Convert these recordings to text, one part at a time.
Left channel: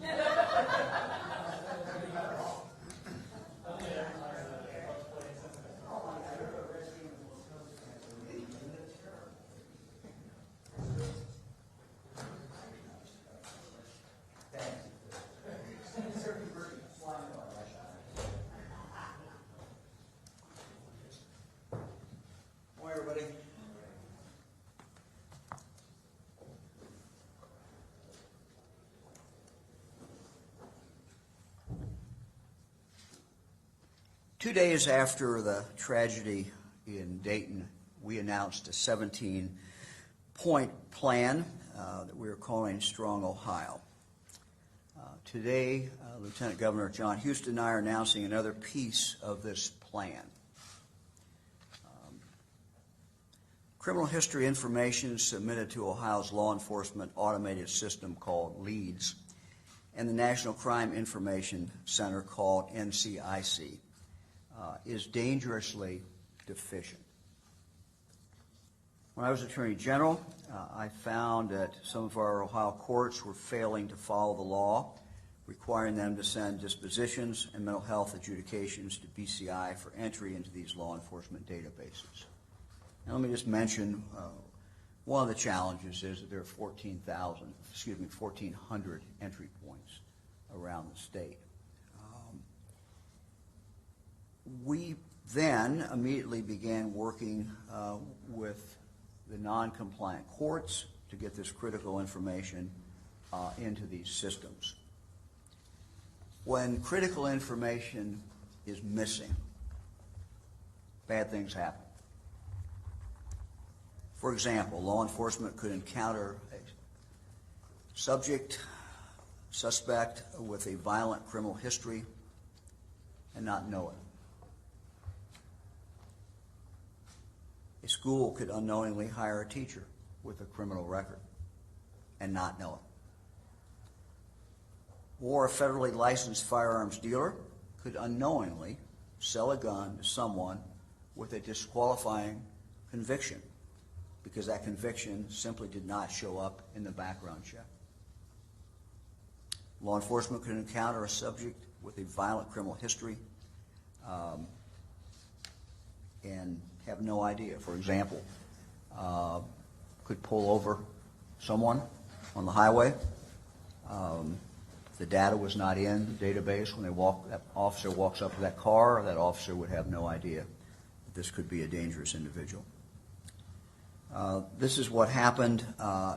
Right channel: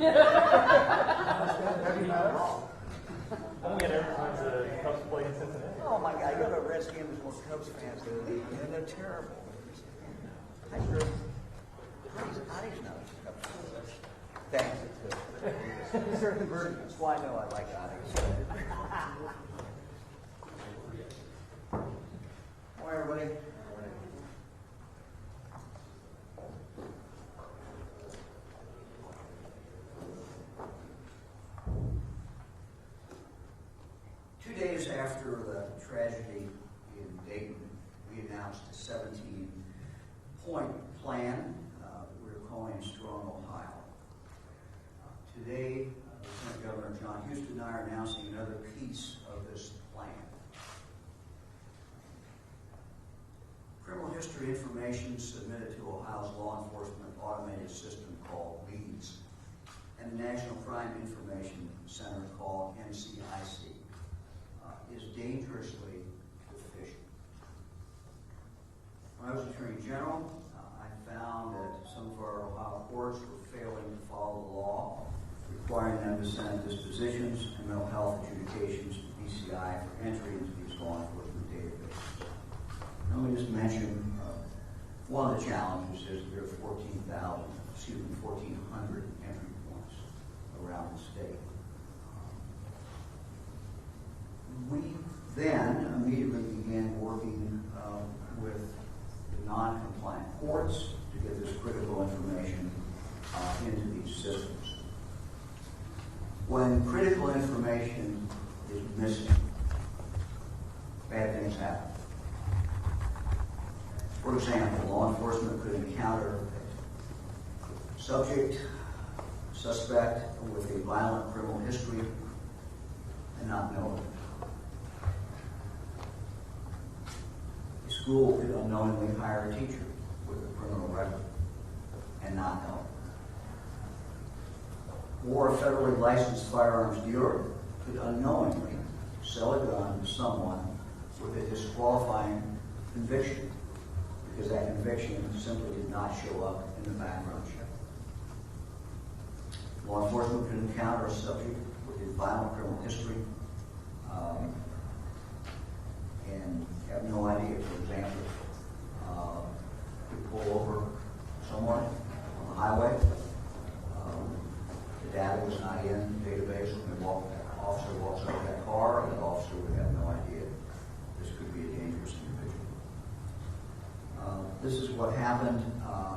Only an airline that Cubs play in Cincinnati. Oh my God, you go to Redskins and more Cubs fans, and they're terrible. I grew Ottie's nose. Thanks. Certain versions. Well, I know I like Ottie's. Morning, everybody. Morning. 2 days after the tragedy in Dayton, we announced a 17-point plan that we are calling Strong Ohio. Today, Lieutenant Governor John Houston and I are announcing another piece of this plan. Criminal history information submitted to Ohio's law enforcement automated system called LEADS and the National Crime Information Center called NCIC is dangerously deficient. When I was Attorney General, I found that some of our Ohio courts were failing to follow the law, requiring them to send dispositions and mental health adjudications to BCI for entry into these law enforcement databases. Now, let me just mention one of the challenges is that there are 1,400 entry points around the state. We then immediately began working with the non-compliant courts to get this critical information into these systems. When critical information is missing, bad things happen. For example, law enforcement could encounter a suspect with a violent criminal history and not know it. A school could unknowingly hire a teacher with a criminal record and not know it. Or a federally licensed firearms dealer could unknowingly sell a gun to someone with a disqualifying conviction because that conviction simply did not show up in the background check. Law enforcement could encounter a subject with a violent criminal history and have no idea. For example, could pull over someone on the highway. The data was not in the database when that officer walks up to that car. That officer would have no idea this could be a dangerous individual. This is what happened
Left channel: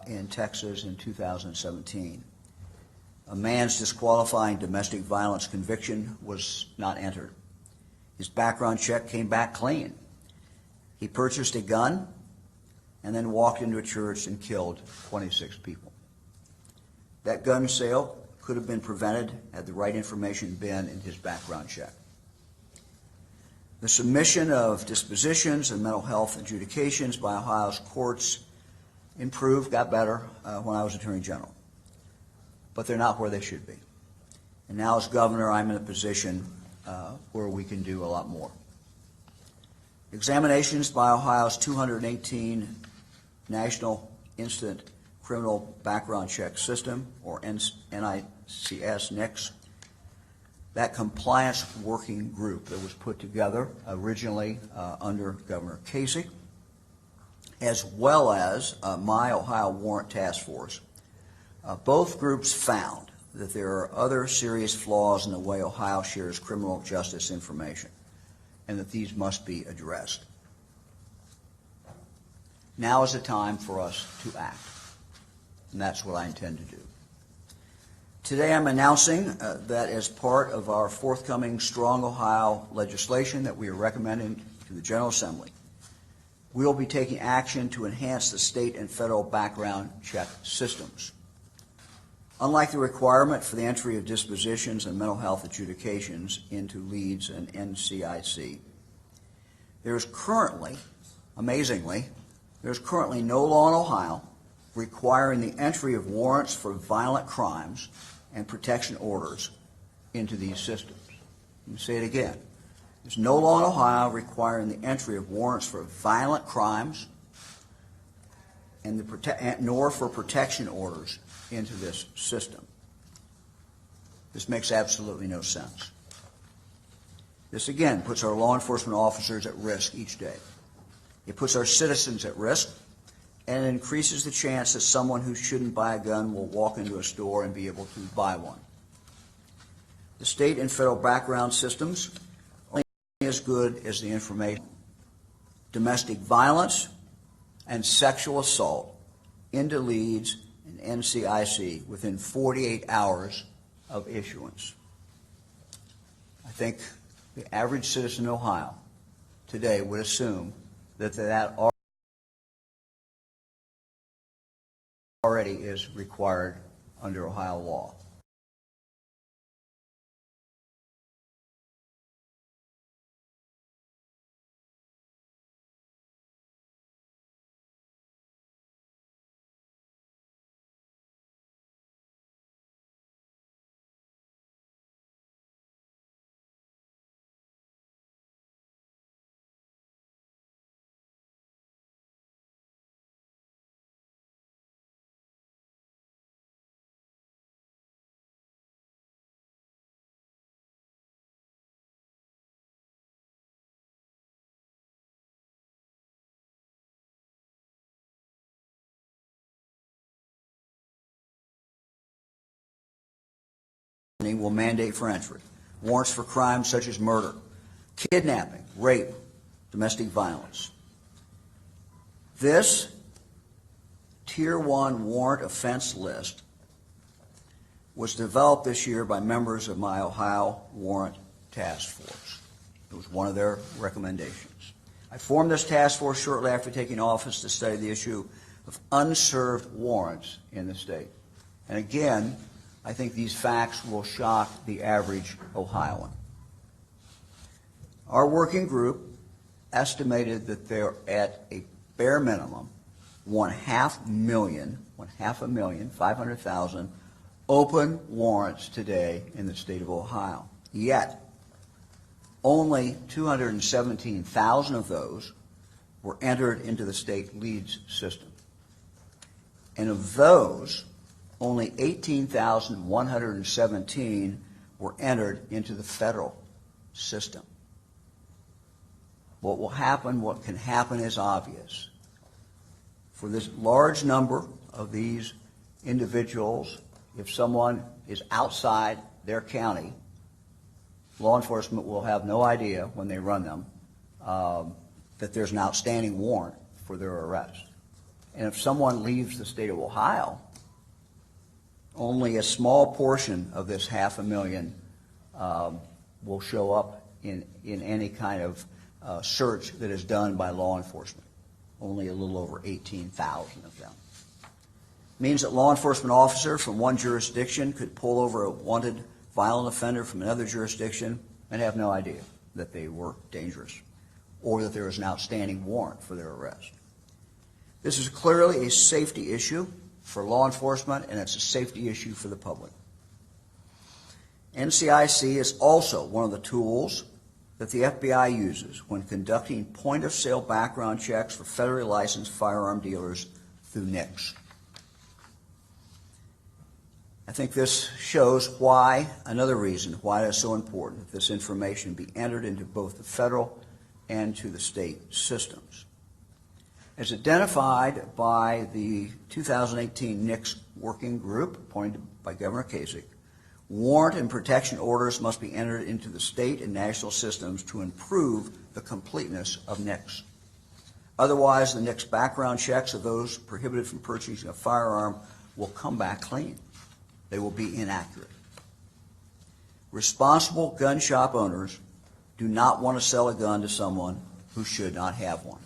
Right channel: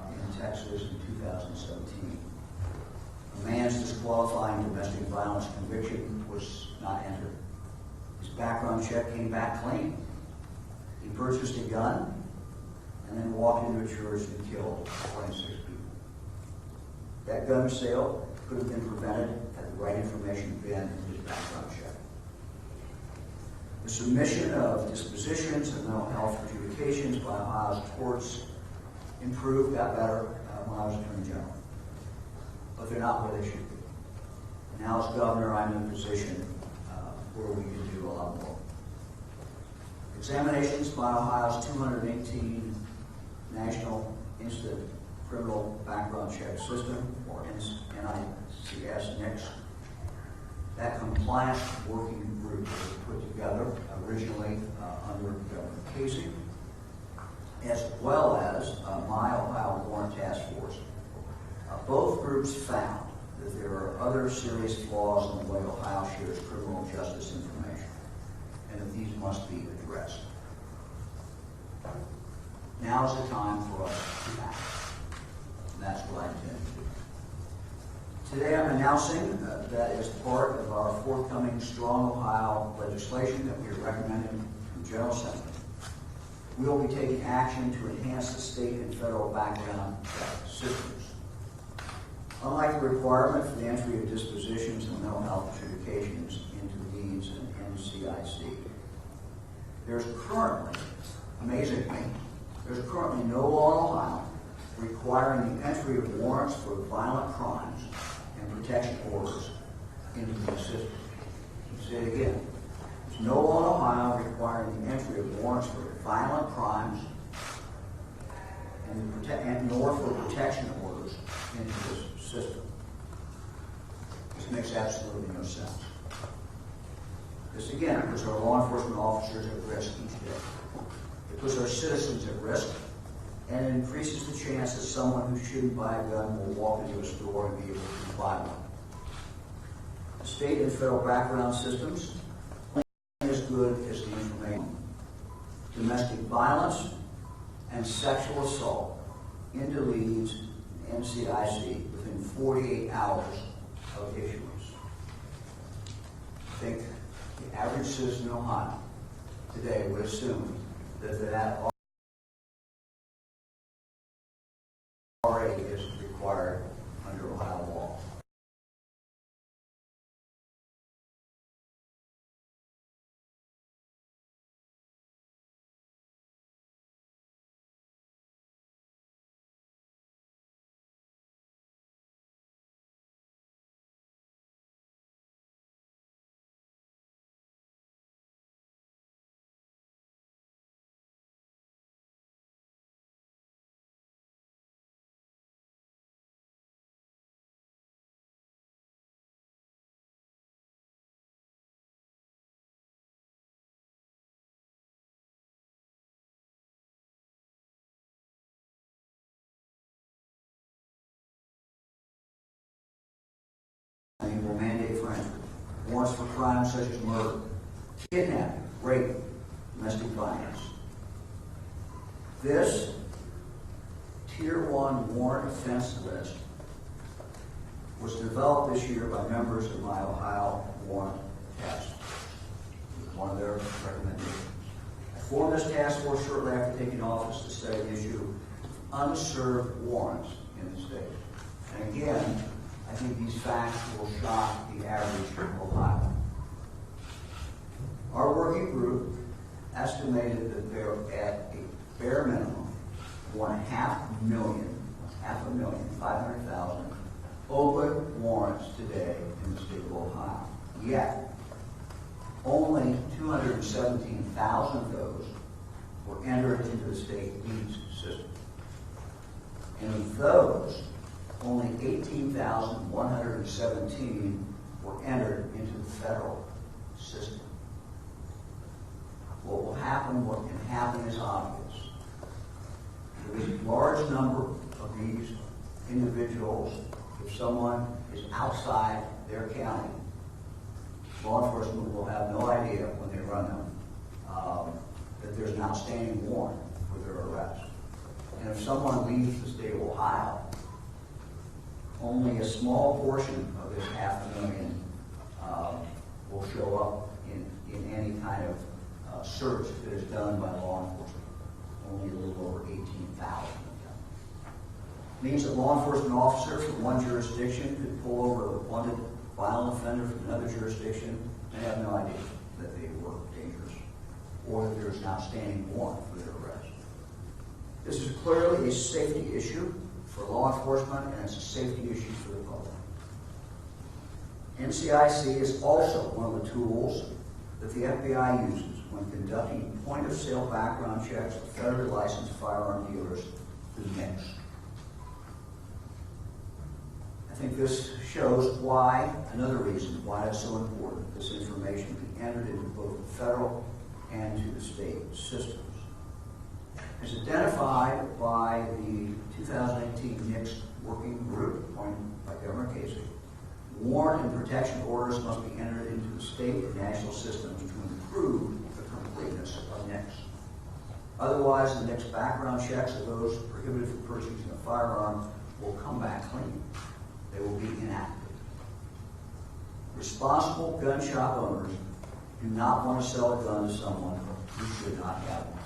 in Texas in 2017. A man's disqualifying domestic violence conviction was not entered. His background check came back clean. He purchased a gun and then walked into a church and killed 26 people. That gun sale could have been prevented had the right information been in his background check. The submission of dispositions and mental health adjudications by Ohio's courts improved, got better when I was Attorney General. But they're not where they should be. And now as governor, I'm in a position where we can do a lot more. Examinations by Ohio's 218 National Instant Criminal Background Check System, or NICS, NICS, that compliance working group that was put together originally under Governor Casey, as well as my Ohio Warrant Task Force. Both groups found that there are other serious flaws in the way Ohio shares criminal justice information, and that these must be addressed. Now is the time for us to act, and that's what I intend to do. Today I'm announcing that as part of our forthcoming Strong Ohio legislation that we are recommending to the General Assembly, we will be taking action to enhance the state and federal background check systems. Unlike the requirement for the entry of dispositions and mental health adjudications into LEADS and NCIC, there's currently, amazingly, there's currently no law in Ohio requiring the entry of warrants for violent crimes and protection orders into these systems. Let me say it again. There's no law in Ohio requiring the entry of warrants for violent crimes and nor for protection orders into this system. This makes absolutely no sense. This again puts our law enforcement officers at risk each day. It puts our citizens at risk, and it increases the chance that someone who shouldn't buy a gun will walk into a store and be able to buy one. The state and federal background systems are only as good as the information. Domestic violence and sexual assault into leads in NCIC within 48 hours of issuance. I think the average citizen in Ohio today would assume that already is required under Ohio law. Will mandate for entry warrants for crimes such as murder, kidnapping, rape, domestic violence. This Tier 1 warrant offense list was developed this year by members of my Ohio Warrant Task Force. It was one of their recommendations. I formed this task force shortly after taking office to study the issue of unserved warrants in the state. And again, I think these facts will shock the average Ohioan. Our working group estimated that there are at a bare minimum 500,000 open warrants today in the state of Ohio. Yet, only 217,000 of those were entered into the state leads system. And of those, only 18,117 were entered into the federal system. What will happen, what can happen is obvious. For this large number of these individuals, if someone is outside their county, law enforcement will have no idea when they run them that there's an outstanding warrant for their arrest. And if someone leaves the state of Ohio, only a small portion of this 500,000 will show up in any kind of search that is done by law enforcement. Only a little over 18,000 of them. It means that law enforcement officers from one jurisdiction could pull over a wanted violent offender from another jurisdiction and have no idea that they were dangerous or that there is an outstanding warrant for their arrest. This is clearly a safety issue for law enforcement, and it's a safety issue for the public. NCIC is also one of the tools that the FBI uses when conducting point-of-sale background checks for federally licensed firearm dealers through NICS. I think this shows why, another reason why it is so important that this information be entered into both the federal and to the state systems. As identified by the 2018 NICS working group appointed by Governor Kasich, warrant and protection orders must be entered into the state and national systems to improve the completeness of NICS. Otherwise, the NICS background checks of those prohibited from purchasing a firearm will come back clean. They will be inaccurate. Responsible gun shop owners do not want to sell a gun to someone who should not have one.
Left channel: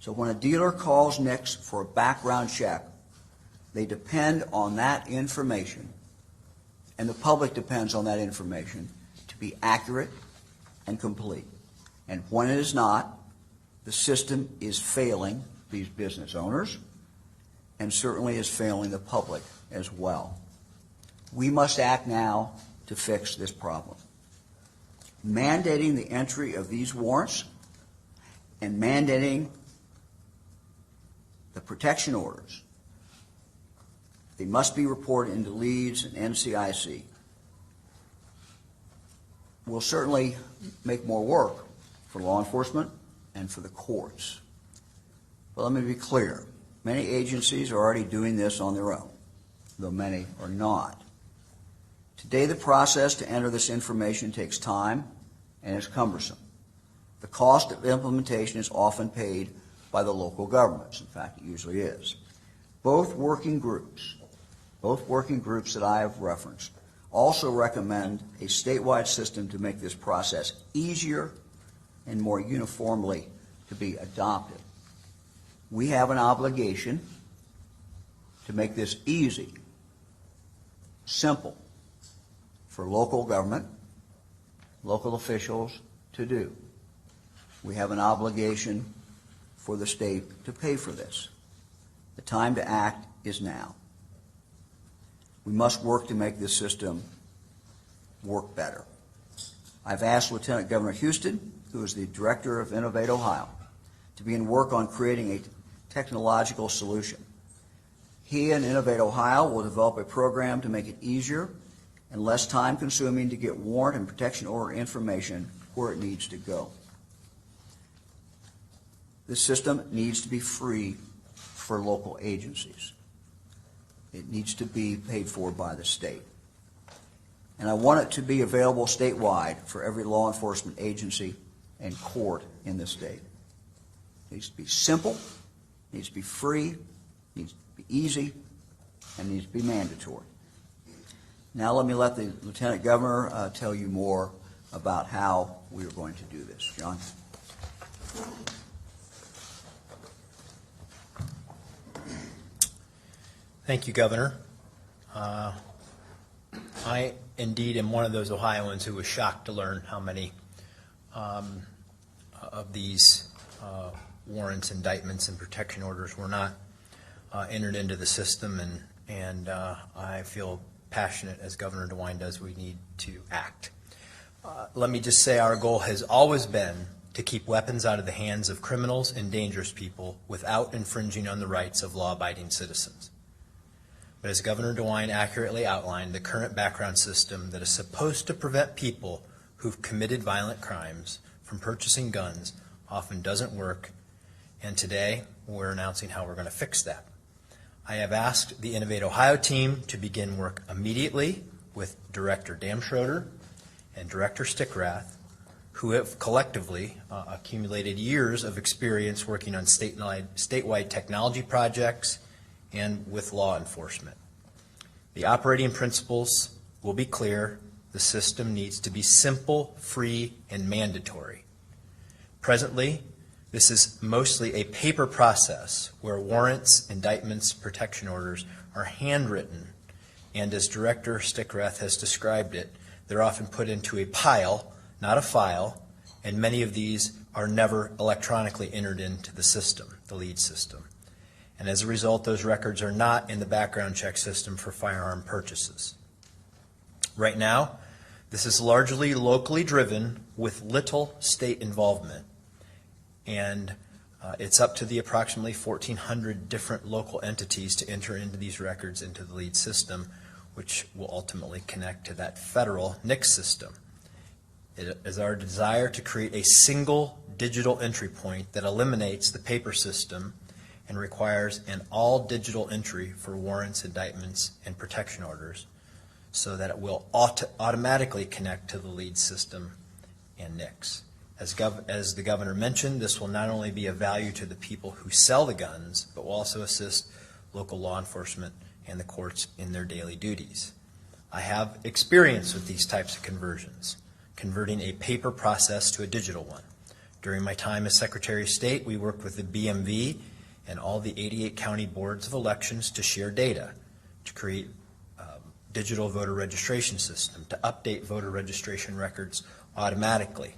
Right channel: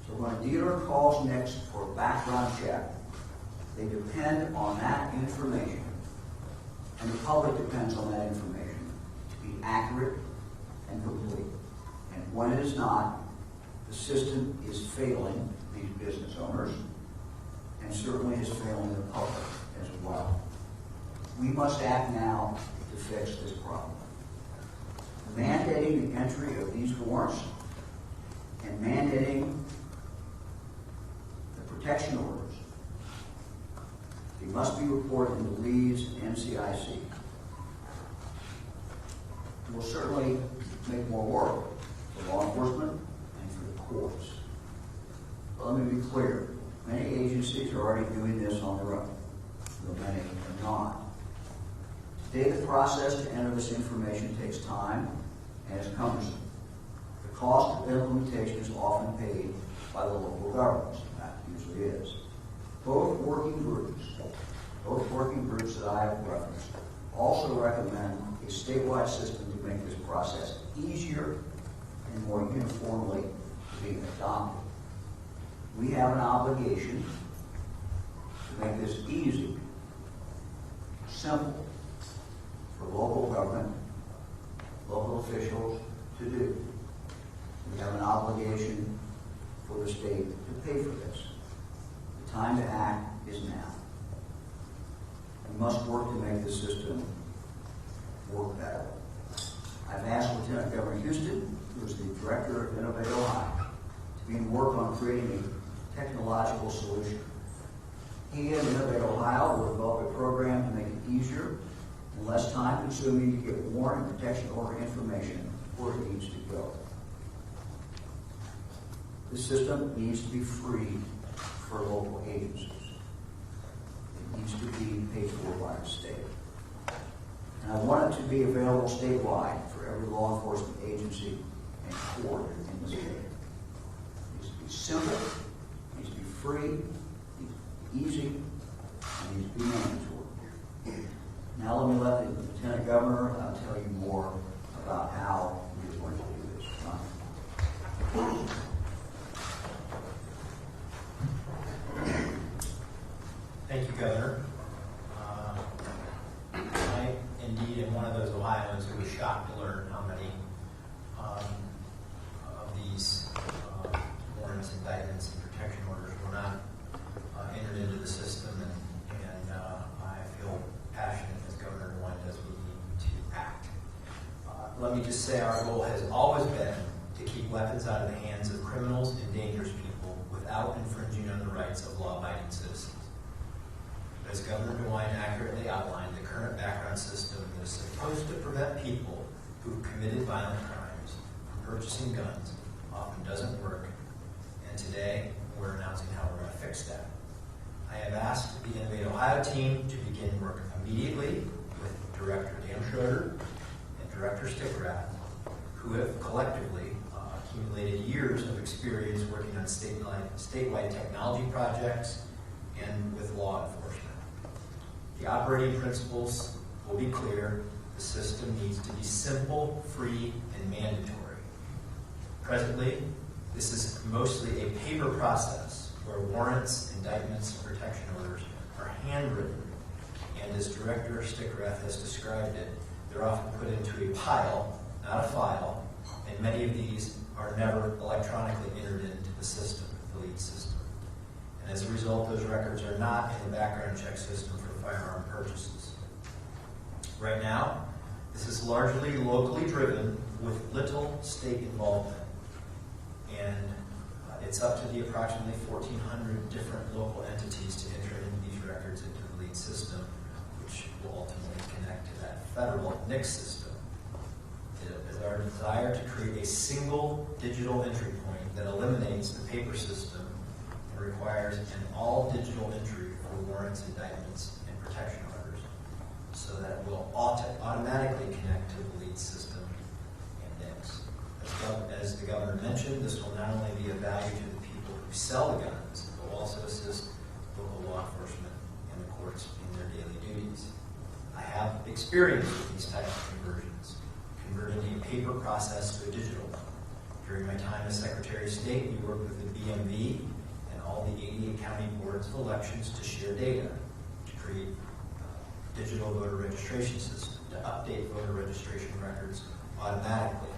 So when a dealer calls NICS for a background check, they depend on that information, and the public depends on that information to be accurate and complete. And when it is not, the system is failing these business owners and certainly is failing the public as well. We must act now to fix this problem. Mandating the entry of these warrants and mandating the protection orders, they must be reported into leads and NCIC will certainly make more work for law enforcement and for the courts. But let me be clear. Many agencies are already doing this on their own, though many are not. Today, the process to enter this information takes time and is cumbersome. The cost of implementation is often paid by the local governments. In fact, it usually is. Both working groups that I have referenced, also recommend a statewide system to make this process easier and more uniformly to be adopted. We have an obligation to make this easy, simple for local government, local officials to do. We have an obligation for the state to pay for this. The time to act is now. We must work to make this system work better. I've asked Lieutenant Governor Houston, who is the Director of Innovate Ohio, to begin work on creating a technological solution. He and Innovate Ohio will develop a program to make it easier and less time-consuming to get warrant and protection order information where it needs to go. This system needs to be free for local agencies. It needs to be paid for by the state. And I want it to be available statewide for every law enforcement agency and court in the state. It needs to be simple, it needs to be free, it needs to be easy, and it needs to be mandatory. Now let me let the Lieutenant Governor tell you more about how we are going to do this. John? Thank you, Governor. I indeed am one of those Ohioans who was shocked to learn how many of these warrants, indictments, and protection orders were not entered into the system, and I feel passionate, as Governor DeWine does, we need to act. Let me just say our goal has always been to keep weapons out of the hands of criminals and dangerous people without infringing on the rights of law-abiding citizens. But as Governor DeWine accurately outlined, the current background system that is supposed to prevent people who've committed violent crimes from purchasing guns often doesn't work, and today we're announcing how we're going to fix that. I have asked the Innovate Ohio team to begin work immediately with Director Damschroeder and Director Stickrath, who have collectively accumulated years of experience working on statewide technology projects and with law enforcement. The operating principles will be clear. The system needs to be simple, free, and mandatory. Presently, this is mostly a paper process where warrants, indictments, protection orders are handwritten, and as Director Stickrath has described it, they're often put into a pile, not a file, and many of these are never electronically entered into the system, the lead system. And as a result, those records are not in the background check system for firearm purchases. Right now, this is largely locally driven with little state involvement. And it's up to the approximately 1,400 different local entities to enter into these records into the lead system, which will ultimately connect to that federal NICS system. It is our desire to create a single digital entry point that eliminates the paper system and requires an all-digital entry for warrants, indictments, and protection orders so that it will automatically connect to the lead system and NICS. As the Governor mentioned, this will not only be of value to the people who sell the guns, but will also assist local law enforcement and the courts in their daily duties. I have experience with these types of conversions, converting a paper process to a digital one. During my time as Secretary of State, we worked with the BMV and all the 88 county boards of elections to share data, to create a digital voter registration system, to update voter registration records automatically,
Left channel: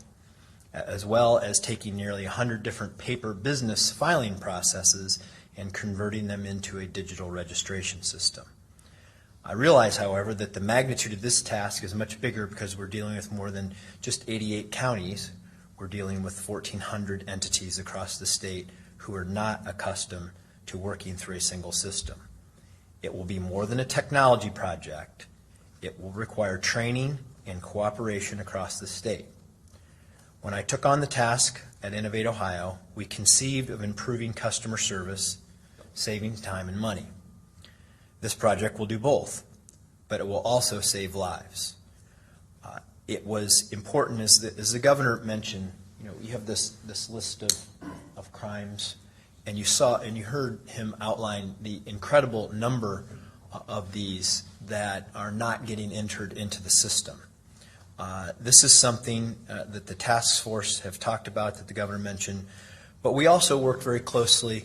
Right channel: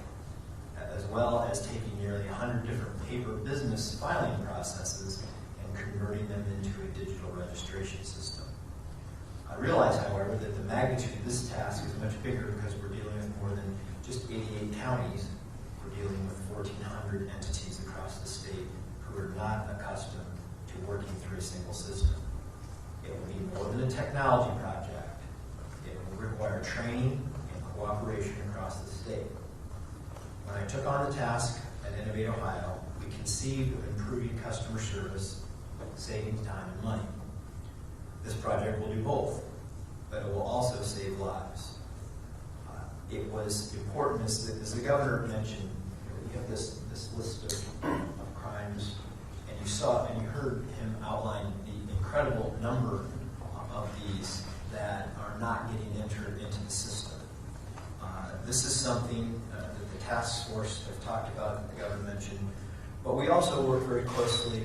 as well as taking nearly 100 different paper business filing processes and converting them into a digital registration system. I realize, however, that the magnitude of this task is much bigger because we're dealing with more than just 88 counties. We're dealing with 1,400 entities across the state who are not accustomed to working through a single system. It will be more than a technology project. It will require training and cooperation across the state. When I took on the task at Innovate Ohio, we conceived of improving customer service, saving time and money. This project will do both, but it will also save lives. It was important, as the governor mentioned, you have this list of crimes, and you heard him outline the incredible number of these that are not getting entered into the system. This is something that the task force have talked about, that the governor mentioned, but we also work very closely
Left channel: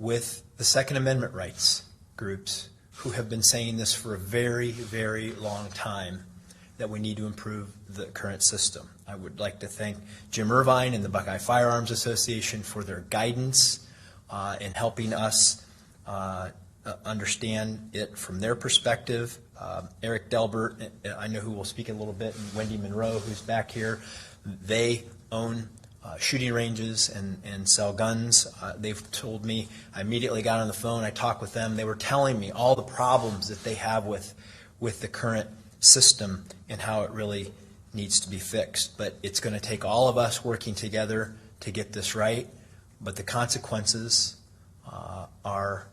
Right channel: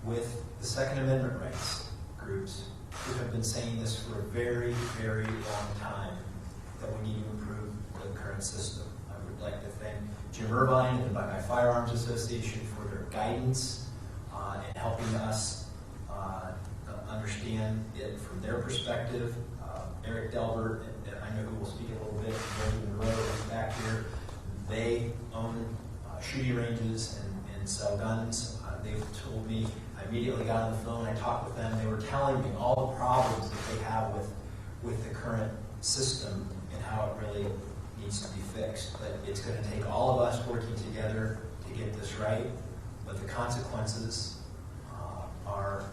with the Second Amendment rights groups who have been saying this for a very, very long time, that we need to improve the current system. I would like to thank Jim Irvine and the Buckeye Firearms Association for their guidance in helping us understand it from their perspective. Eric Delbert, I know who will speak in a little bit, and Wendy Monroe, who's back here. They own shooting ranges and sell guns. They've told me, I immediately got on the phone, I talked with them, they were telling me all the problems that they have with the current system and how it really needs to be fixed. But it's going to take all of us working together to get this right, but the consequences are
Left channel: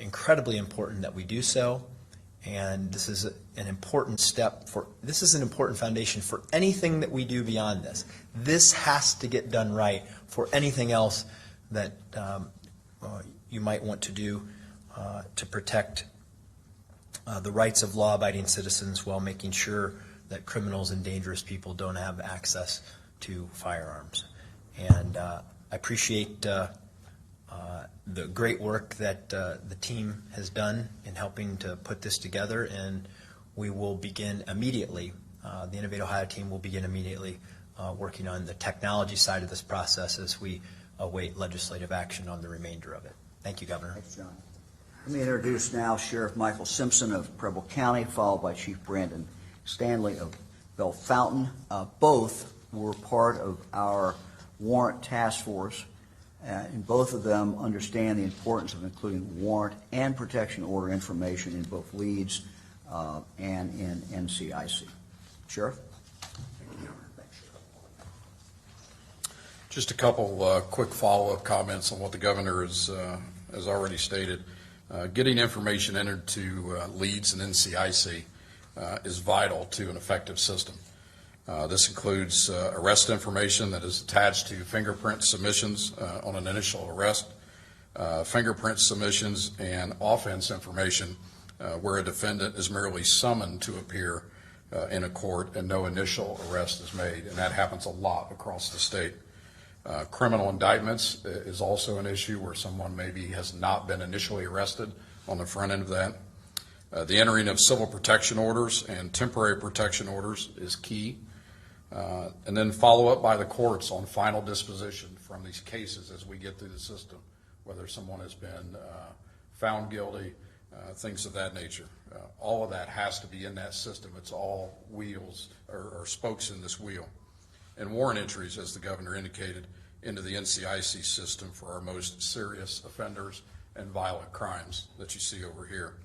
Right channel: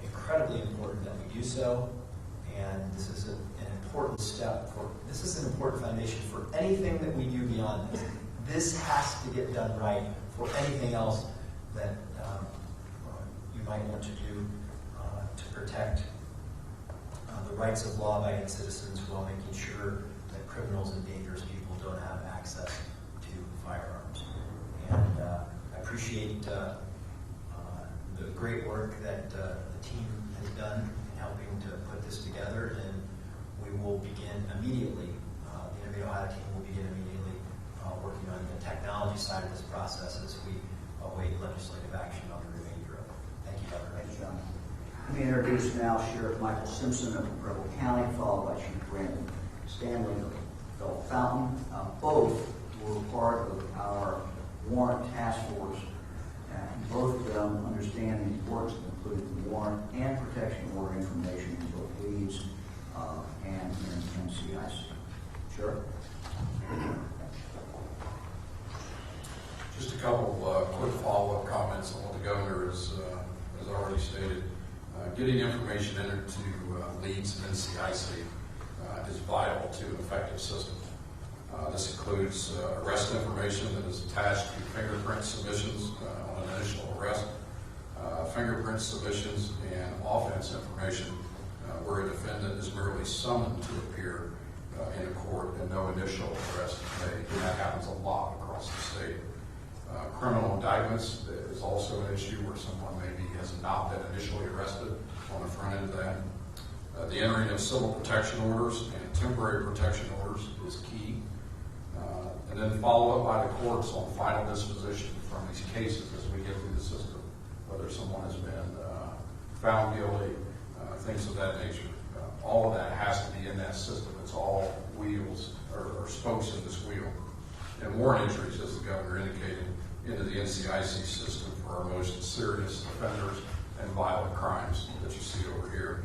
incredibly important that we do so, and this is an important step this is an important foundation for anything that we do beyond this. This has to get done right for anything else that you might want to do to protect the rights of law-abiding citizens while making sure that criminals and dangerous people don't have access to firearms. And I appreciate the great work that the team has done in helping to put this together, and we will begin immediately, the Innovate Ohio team will begin immediately working on the technology side of this process as we await legislative action on the remainder of it. Thank you, Governor. Thanks, John. Let me introduce now Sheriff Michael Simpson of Preble County, followed by Chief Brandon Stanley of Bell Fountain. Both were part of our warrant task force, and both of them understand the importance of including warrant and protection order information in both leads and in NCIC. Sheriff? Just a couple quick follow-up comments on what the governor has already stated. Getting information entered to leads and NCIC is vital to an effective system. This includes arrest information that is attached to fingerprint submissions on an initial arrest, fingerprint submissions, and offense information where a defendant is merely summoned to appear in a court and no initial arrest is made. And that happens a lot across the state. Criminal indictments is also an issue where someone maybe has not been initially arrested on the front end of that. The entering of civil protection orders and temporary protection orders is key. And then follow up by the courts on final disposition from these cases as we get through the system, whether someone has been found guilty, things of that nature. All of that has to be in that system. It's all wheels or spokes in this wheel. And warrant entries, as the governor indicated, into the NCIC system for our most serious offenders and violent crimes that you see over here.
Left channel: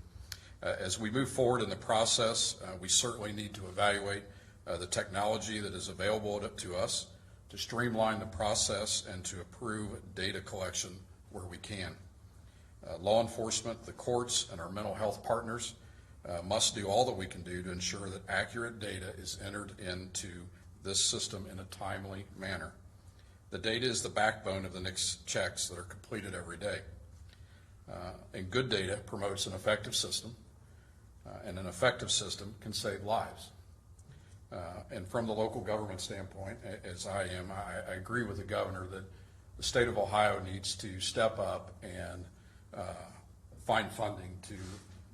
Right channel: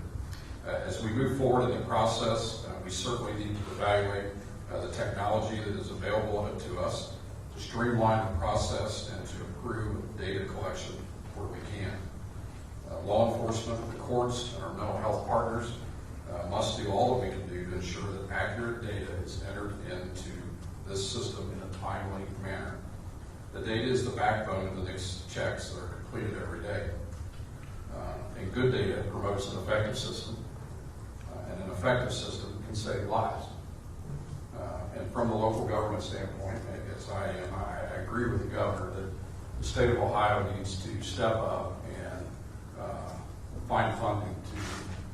As we move forward in the process, we certainly need to evaluate the technology that is available to us to streamline the process and to improve data collection where we can. Law enforcement, the courts, and our mental health partners must do all that we can do to ensure that accurate data is entered into this system in a timely manner. The data is the backbone of the NICS checks that are completed every day. And good data promotes an effective system, and an effective system can save lives. And from the local government standpoint, I agree with the governor that the state of Ohio needs to step up and find funding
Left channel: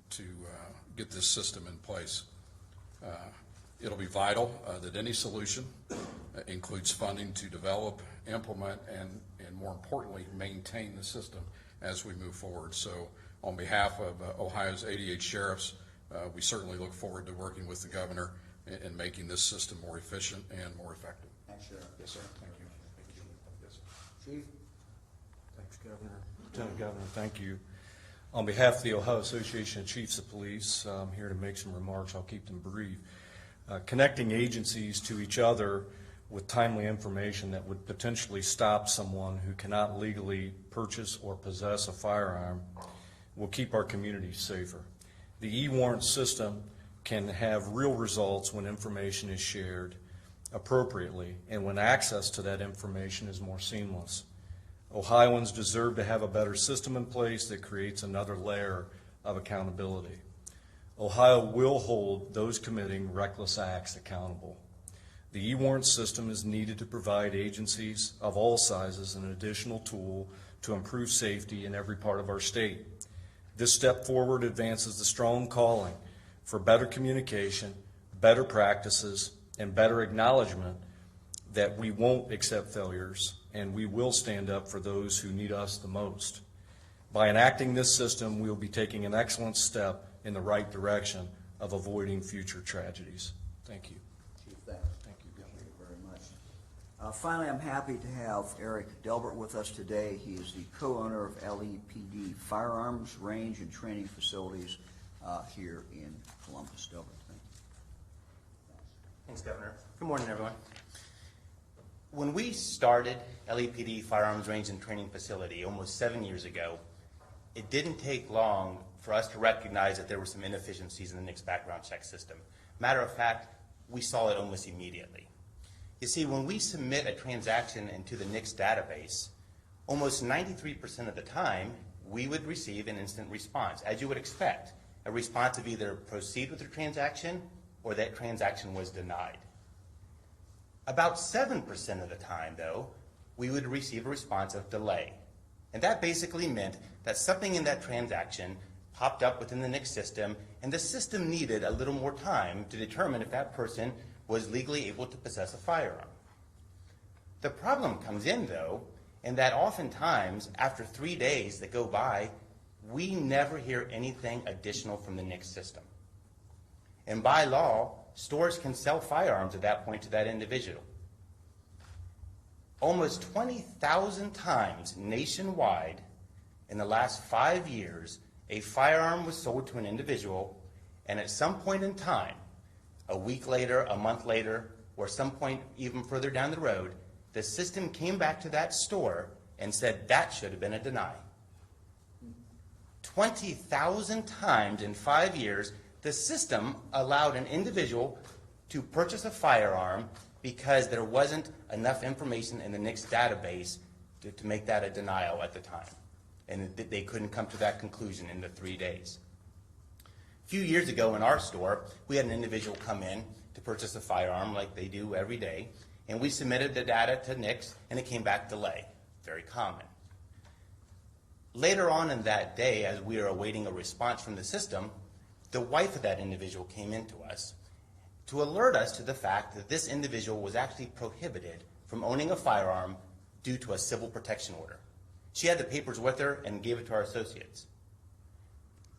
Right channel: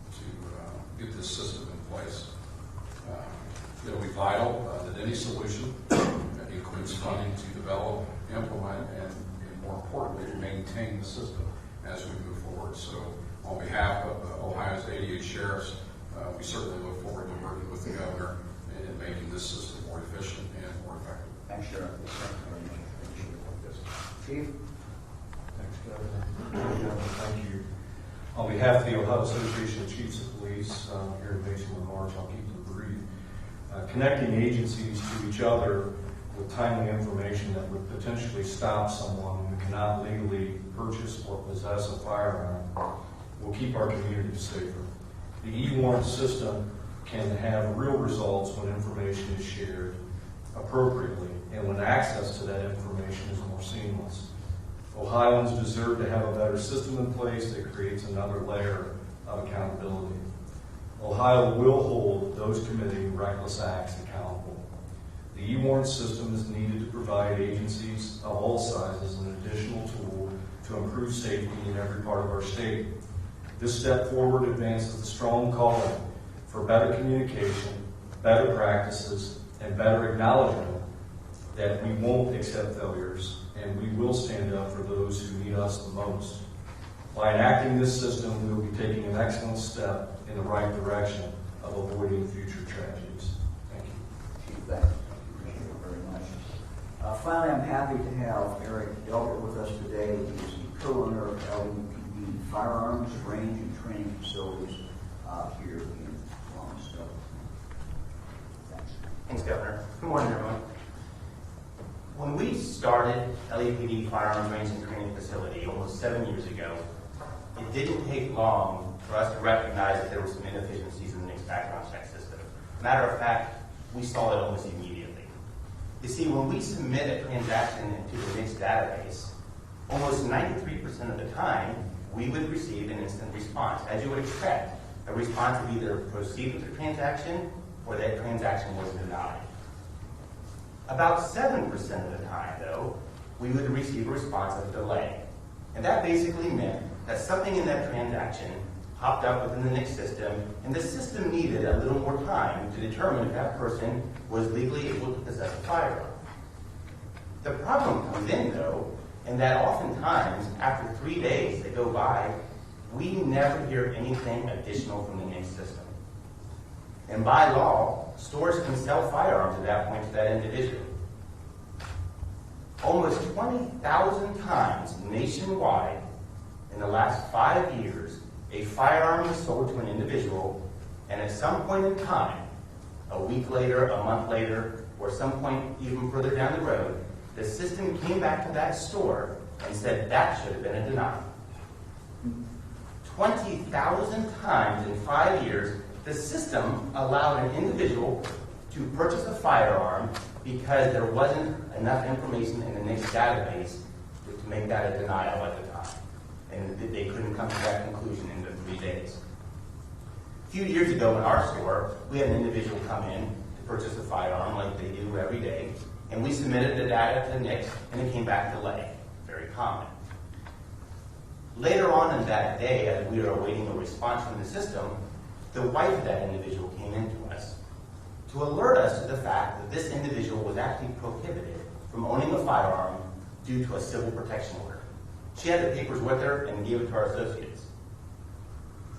to get this system in place. It'll be vital that any solution includes funding to develop, implement, and more importantly, to maintain the system as we move forward. So on behalf of Ohio's 88 sheriffs, we certainly look forward to working with the governor in making this system more efficient and more effective. Thanks, Sheriff. Chief? Thanks, Governor. Thank you. On behalf of the Ohio Association of Chiefs of Police, Police here to make some remarks. I'll keep them brief. Connecting agencies to each other with timely information that would potentially stop someone who cannot legally purchase or possess a firearm will keep our communities safer. The e-warrant system can have real results when information is shared appropriately and when access to that information is more seamless. Ohioans deserve to have a better system in place that creates another layer of accountability. Ohio will hold those committing reckless acts accountable. The e-warrant system is needed to provide agencies of all sizes an additional tool to improve safety in every part of our state. This step forward advances the strong calling for better communication, better practices, and better acknowledgement that we won't accept failures and we will stand up for those who need us the most. By enacting this system, we will be taking an excellent step in the right direction of avoiding future tragedies. Thank you. Chief, thank you. Appreciate it very much. Finally, I'm happy to have Eric Delbert with us today. He's the co-owner of LEPD Firearms Range and Training Facilities here in Columbus. Thanks. Thanks, Governor. Good morning, everyone. When we started LEPD Firearms Range and Training Facility almost 7 years ago, it didn't take long for us to recognize that there were some inefficiencies in the NICS background check system. Matter of fact, we saw it almost immediately. You see, when we submit a transaction into the NICS database, almost 93% of the time, we would receive an instant response, as you would expect. A response of either proceed with the transaction or that transaction was denied. About 7% of the time, though, we would receive a response of delay. And that basically meant that something in that transaction popped up within the NICS system, and the system needed a little more time to determine if that person was legally able to possess a firearm. The problem comes in, though, in that oftentimes, after 3 days that go by, we never hear anything additional from the NICS system. And by law, stores can sell firearms at that point to that individual. Almost 20,000 times nationwide in the last 5 years, a firearm was sold to an individual, and at some point in time, a week later, a month later, or some point even further down the road, the system came back to that store and said that should have been a denial. 20,000 times in 5 years, the system allowed an individual to purchase a firearm because there wasn't enough information in the NICS database to make that a denial at the time. And they couldn't come to that conclusion in the 3 days. A few years ago in our store, we had an individual come in to purchase a firearm like they do every day, and we submitted the data to NICS, and it came back delay. Very common. Later on in that day, as we were awaiting a response from the system, the wife of that individual came in to us to alert us to the fact that this individual was actually prohibited from owning a firearm due to a civil protection order. She had the papers with her and gave it to our associates.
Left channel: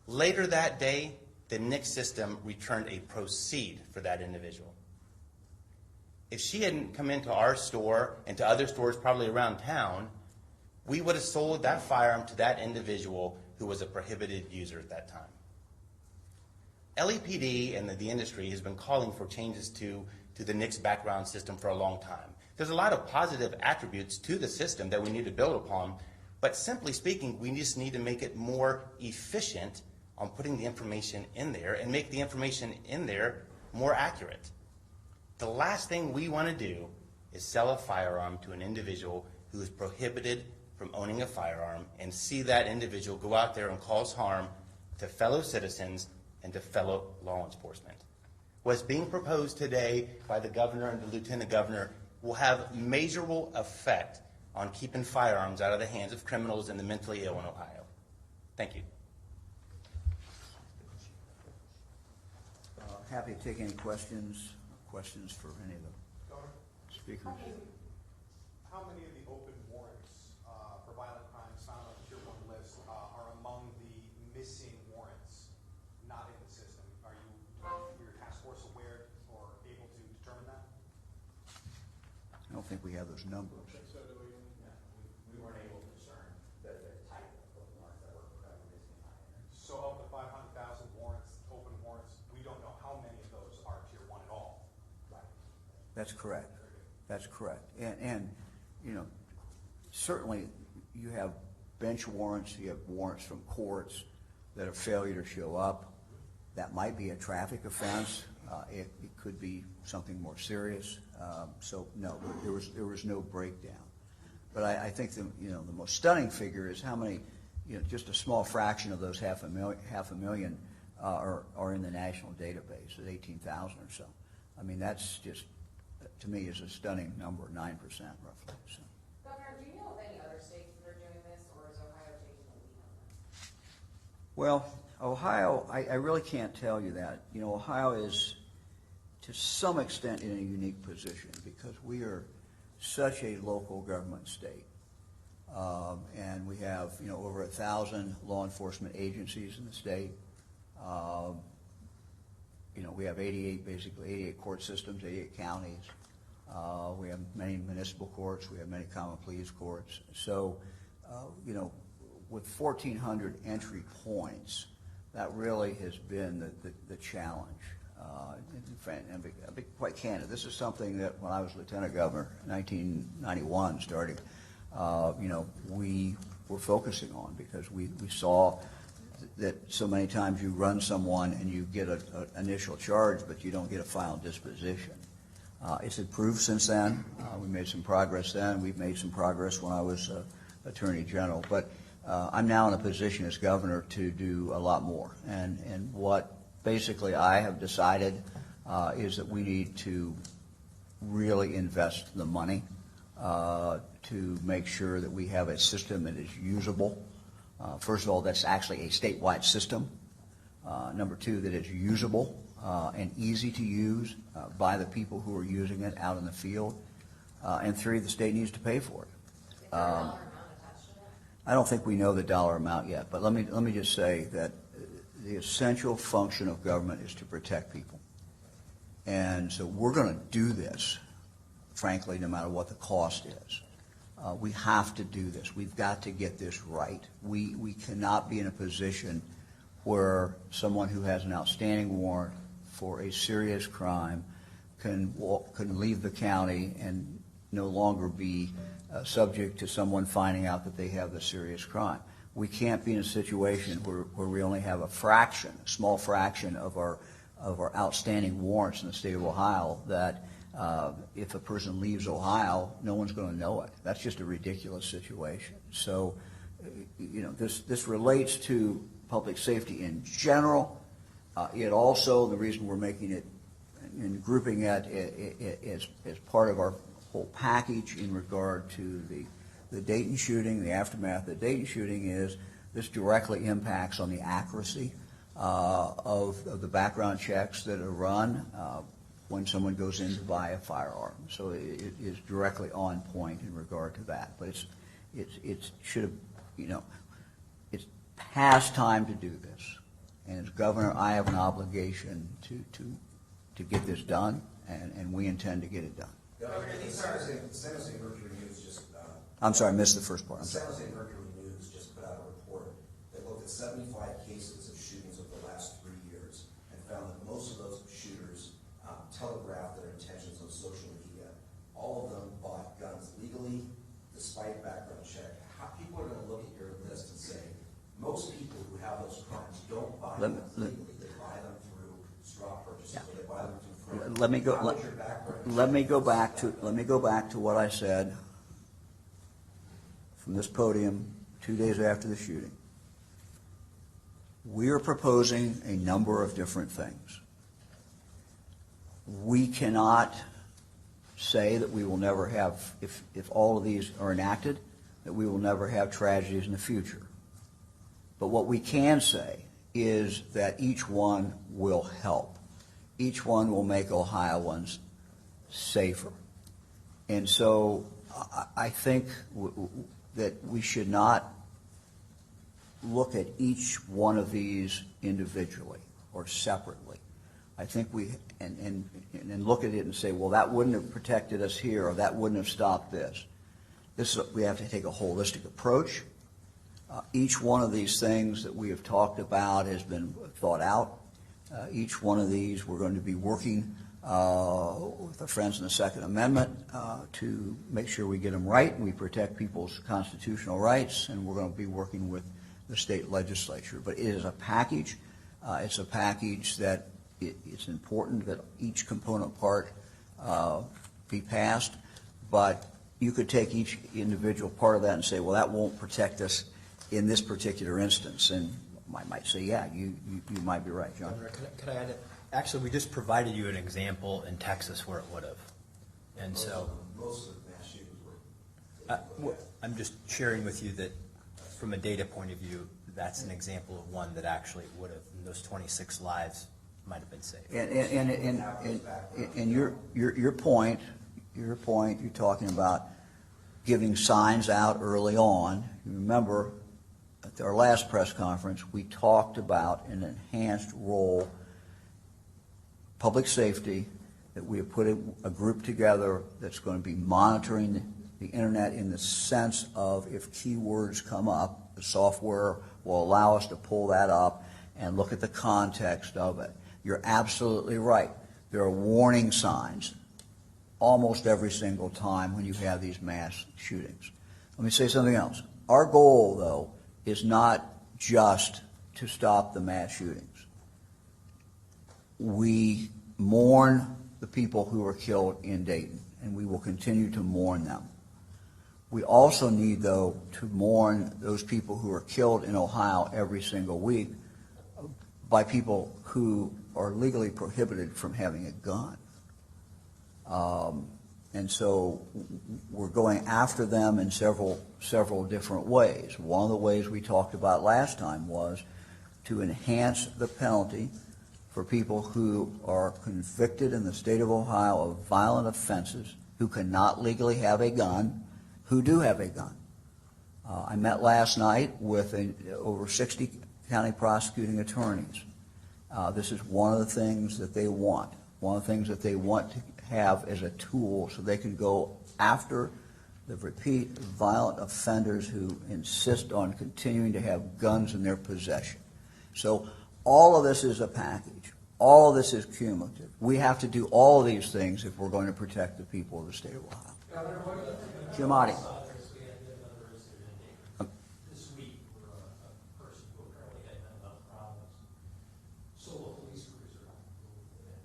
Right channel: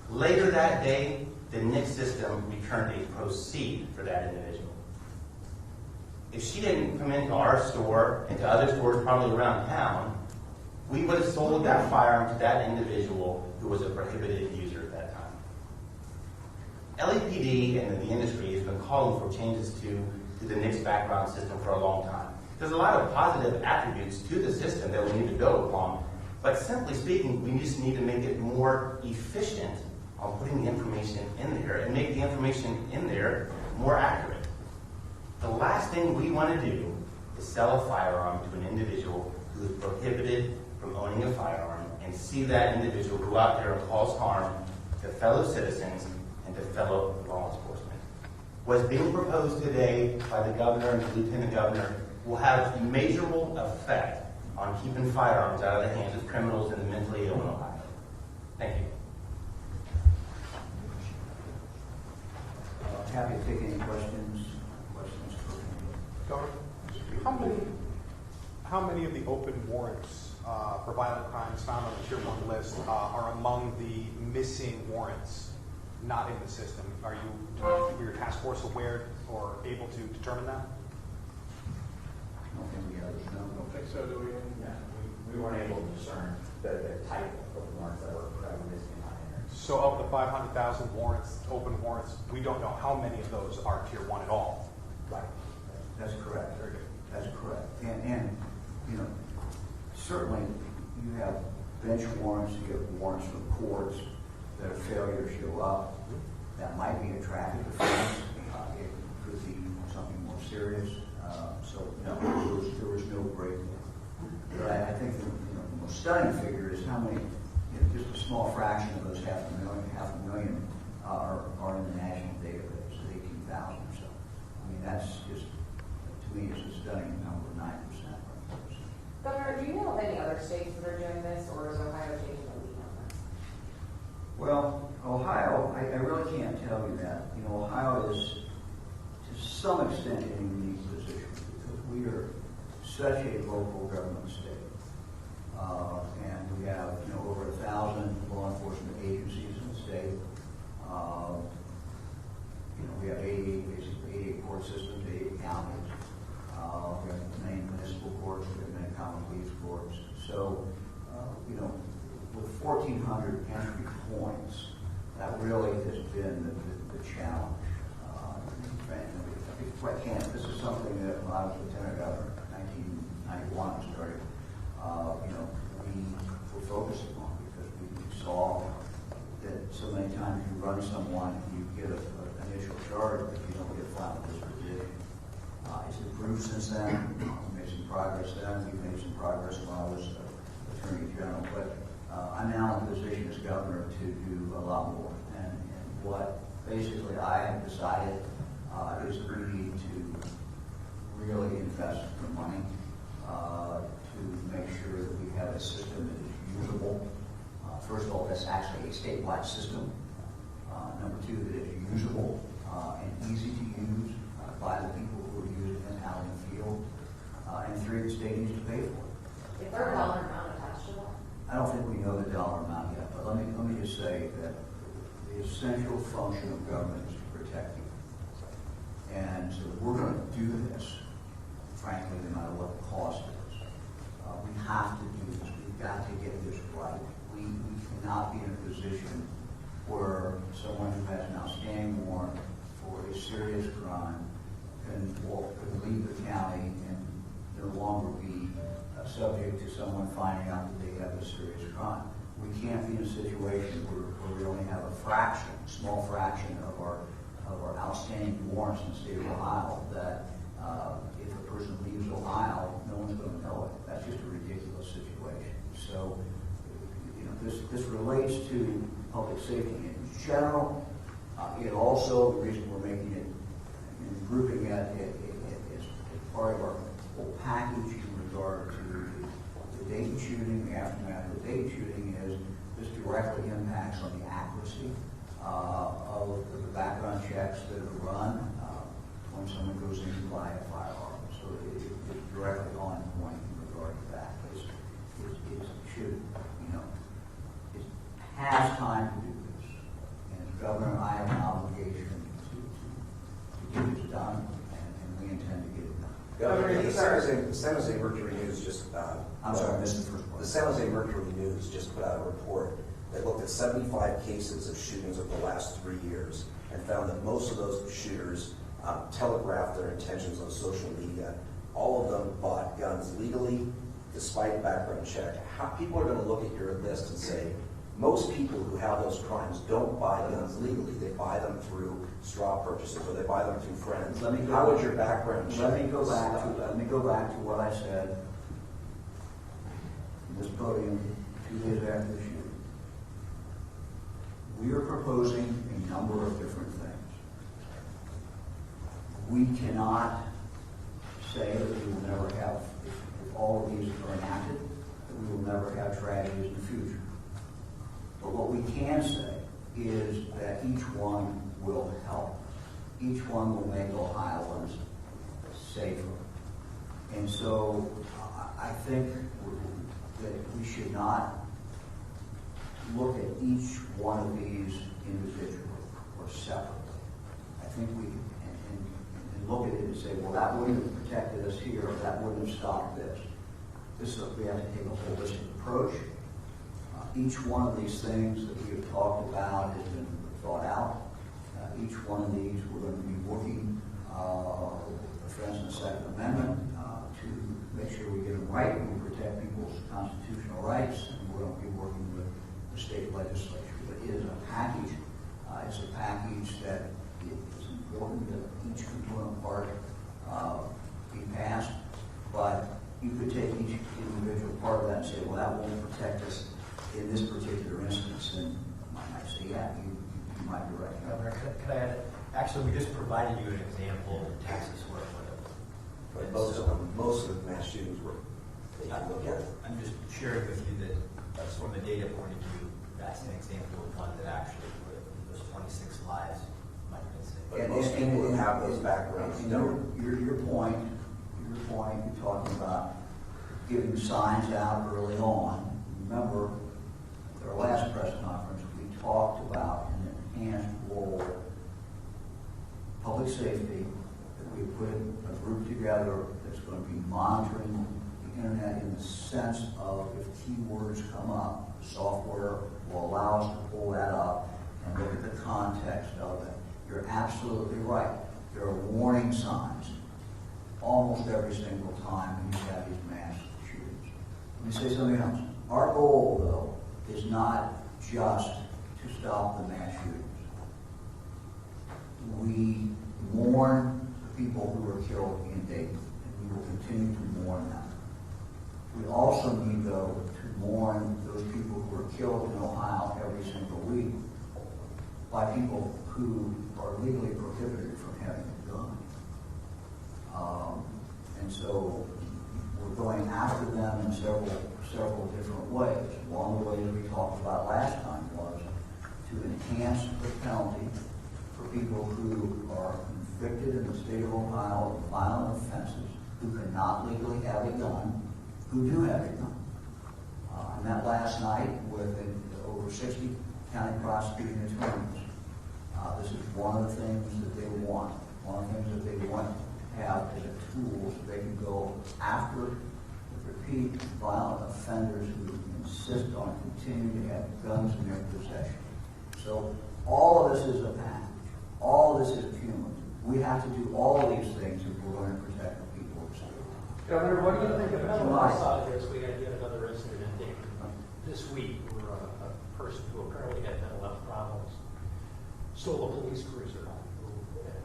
Later that day, the NICS system returned a proceed for that individual. If she hadn't come into our store and to other stores probably around town, we would have sold that firearm to that individual who was a prohibited user at that time. LAPD and the industry has been calling for changes to the NICS background system for a long time. There's a lot of positive attributes to the system that we need to build upon, but simply speaking, we just need to make it more efficient on putting the information in there and make the information in there more accurate. The last thing we want to do is sell a firearm to an individual who is prohibited from owning a firearm and see that individual go out there and cause harm to fellow citizens and to fellow law enforcement. What's being proposed today by the governor and the lieutenant governor will have a measurable effect on keeping firearms out of the hands of criminals and the mentally ill in Ohio. Thank you. Happy to take any questions for anybody. Governor, how many of the open warrants for violent crimes found on the Tier 1 list are among the missing warrants not in the system? Are your task force aware or able to determine that? I don't think we have those numbers. I don't think so, do we? Yeah, we weren't able to discern the type of warrants that were missing on there. So of the 500,000 warrants, open warrants, we don't know how many of those are tier 1 at all. Right. That's correct. Very good. That's correct. And you know, certainly you have bench warrants, you have warrants from courts that are failure to show up. That might be a traffic offense. It could be something more serious. So no, there was no breakdown. But I think the most stunning figure is how many, just a small fraction of those half a million are in the national database at 18,000 or so. I mean, that's just, to me, is a stunning number, 9%. Governor, do you know of any other states that are doing this, or is Ohio taking the lead on this? Well, Ohio, I really can't tell you that. Ohio is, to some extent, in a unique position because we are such a local government state. And we have, over 1,000 law enforcement agencies in the state. We have 88 court systems, 88 counties. We have many municipal courts, we have many common pleas courts. So, with 1,400 entry points, that really has been the challenge. And I'll be quite candid, this is something that when I was lieutenant governor in 1991 started, we were focusing on because we saw that so many times you run someone and you get an initial charge, but you don't get a final disposition. It's improved since then. We made some progress then. We've made some progress when I was Attorney General. But I'm now in a position as governor to do a lot more. And what basically I have decided is that we need to really invest the money to make sure that we have a system that is usable. First of all, that's actually a statewide system. Number two, that it's usable and easy to use by the people who are using it out in the field. And three, the state needs to pay for it. Is there a dollar amount attached to that? I don't think we know the dollar amount yet, but let me just say that the essential function of government is to protect people. And so we're going to do this, frankly, no matter what the cost is. We have to do this. We've got to get this right. We cannot be in a position where someone who has an outstanding warrant for a serious crime can leave the county and no longer be subject to someone finding out that they have a serious crime. We can't be in a situation where we only have a small fraction of our outstanding warrants in the state of Ohio that if a person leaves Ohio, no one's going to know it. That's just a ridiculous situation. So, this relates to public safety in general. It also, the reason we're making it and grouping it as part of our whole package in regard to the Dayton shooting, the aftermath of the Dayton shooting, is this directly impacts on the accuracy of the background checks that are run when someone goes in to buy a firearm. So it is directly on point in regard to that. But it's past time to do this. And as governor, I have an obligation to get this done, and we intend to get it done. Governor, the San Jose Mercury News just... I'm sorry, I missed the first part. The San Jose Mercury News just put out a report that looked at 75 cases of shootings over the last 3 years and found that most of those shooters telegraphed their intentions on social media. All of them bought guns legally, despite background check. How people are going to look at your list and say, most people who have those crimes don't buy guns legally. They buy them through straw purchases, or they buy them through friends. How would your background check? Let me go back to what I said from this podium 2 days after the shooting. We are proposing a number of different things. We cannot say that we will never have, if all of these are enacted, that we will never have tragedies in the future. But what we can say is that each one will help. Each one will make Ohioans safer. And so I think that we should not look at each one of these individually or separately. I think and look at it and say, well, that wouldn't have protected us here, or that wouldn't have stopped this. We have to take a holistic approach. Each one of these things that we have talked about has been thought out. Each one of these we're going to be working with our friends in the Second Amendment to make sure we get them right, we protect people's constitutional rights, and we're going to be working with the state legislature. But it is a package. It's a package that it's important that each component part be passed, but you could take each individual part of that and say, well, that won't protect us in this particular instance, and I might say, yeah, you might be right, John. Governor, could I add, actually, we just provided you an example in Texas where it would have. But And most of the mass shootings were, if you look at it. I'm just sharing with you that from a data point of view, that's an example of one that actually would have, those 26 lives might have been saved. And have those backgrounds. And your point, you're talking about giving signs out early on. Remember, at our last press conference, we talked about an enhanced role, public safety, that we have put a group together that's going to be monitoring the internet in the sense of if keywords come up, the software will allow us to pull that up and look at the context of it. You're absolutely right. There are warning signs almost every single time when you have these mass shootings. Let me say something else. Our goal, though, is not just to stop the mass shootings. We mourn the people who were killed in Dayton, and we will continue to mourn them. We also need, though, to mourn those people who are killed in Ohio every single week by people who are legally prohibited from having a gun. And so we're going after them in several different ways. One of the ways we talked about last time was to enhance the penalty for people who are convicted in the state of Ohio of violent offenses, who cannot legally have a gun, who do have a gun. I met last night with over 60 county prosecuting attorneys. This is one of the things that they want. One of the things that they want to have as a tool so they can go after the repeat violent offenders who insist on continuing to have guns in their possession. So all of this is a package. All of this is cumulative. We have to do all of these things if we're going to protect the people of the state of Ohio. Governor, what do you think about Jim the Otte. side of this? We had yet another incident in Dayton this week where a person who apparently had mental health problems stole a police cruiser and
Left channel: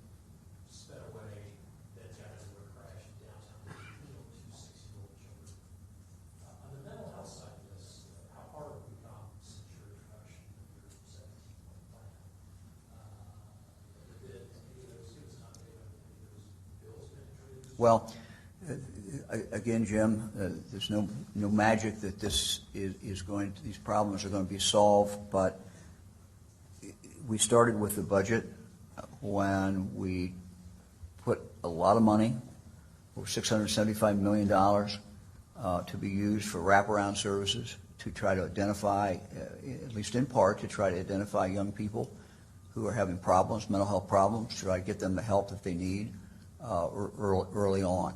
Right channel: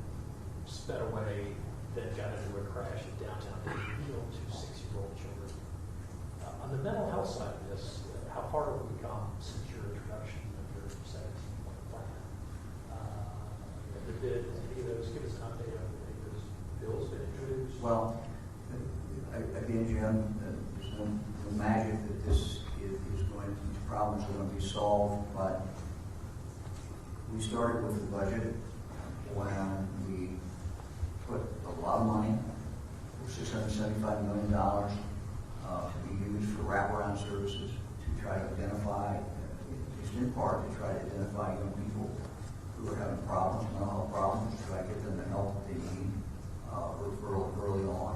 sped away, then got into a crash in downtown Dayton, killed two 6-year-old children. On the mental health side of this, how far have we come since your introduction of your 17-point plan? Did any of those give us an update on any of those bills been introduced? Well, again, Jim, there's no magic that this is going to, these problems are going to be solved, but we started with the budget when we put a lot of money, over $675 million, to be used for wraparound services to try to identify, at least in part, to try to identify young people who are having problems, mental health problems, to try to get them the help that they need early on.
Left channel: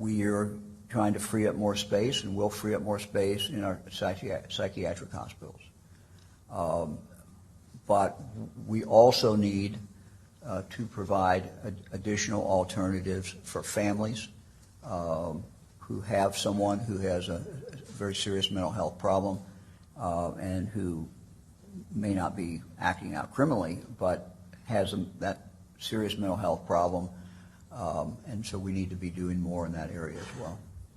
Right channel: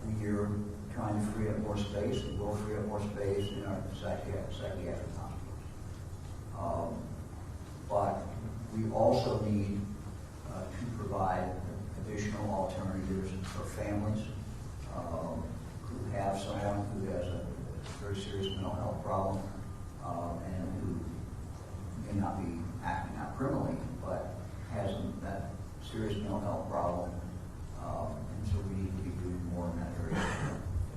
We are trying to free up more space, and will free up more space in our psychiatric hospitals. But we also need to provide additional alternatives for families who have someone who has a very serious mental health problem and who may not be acting out criminally, but has that serious mental health problem. And so we need to be doing more in that area as well.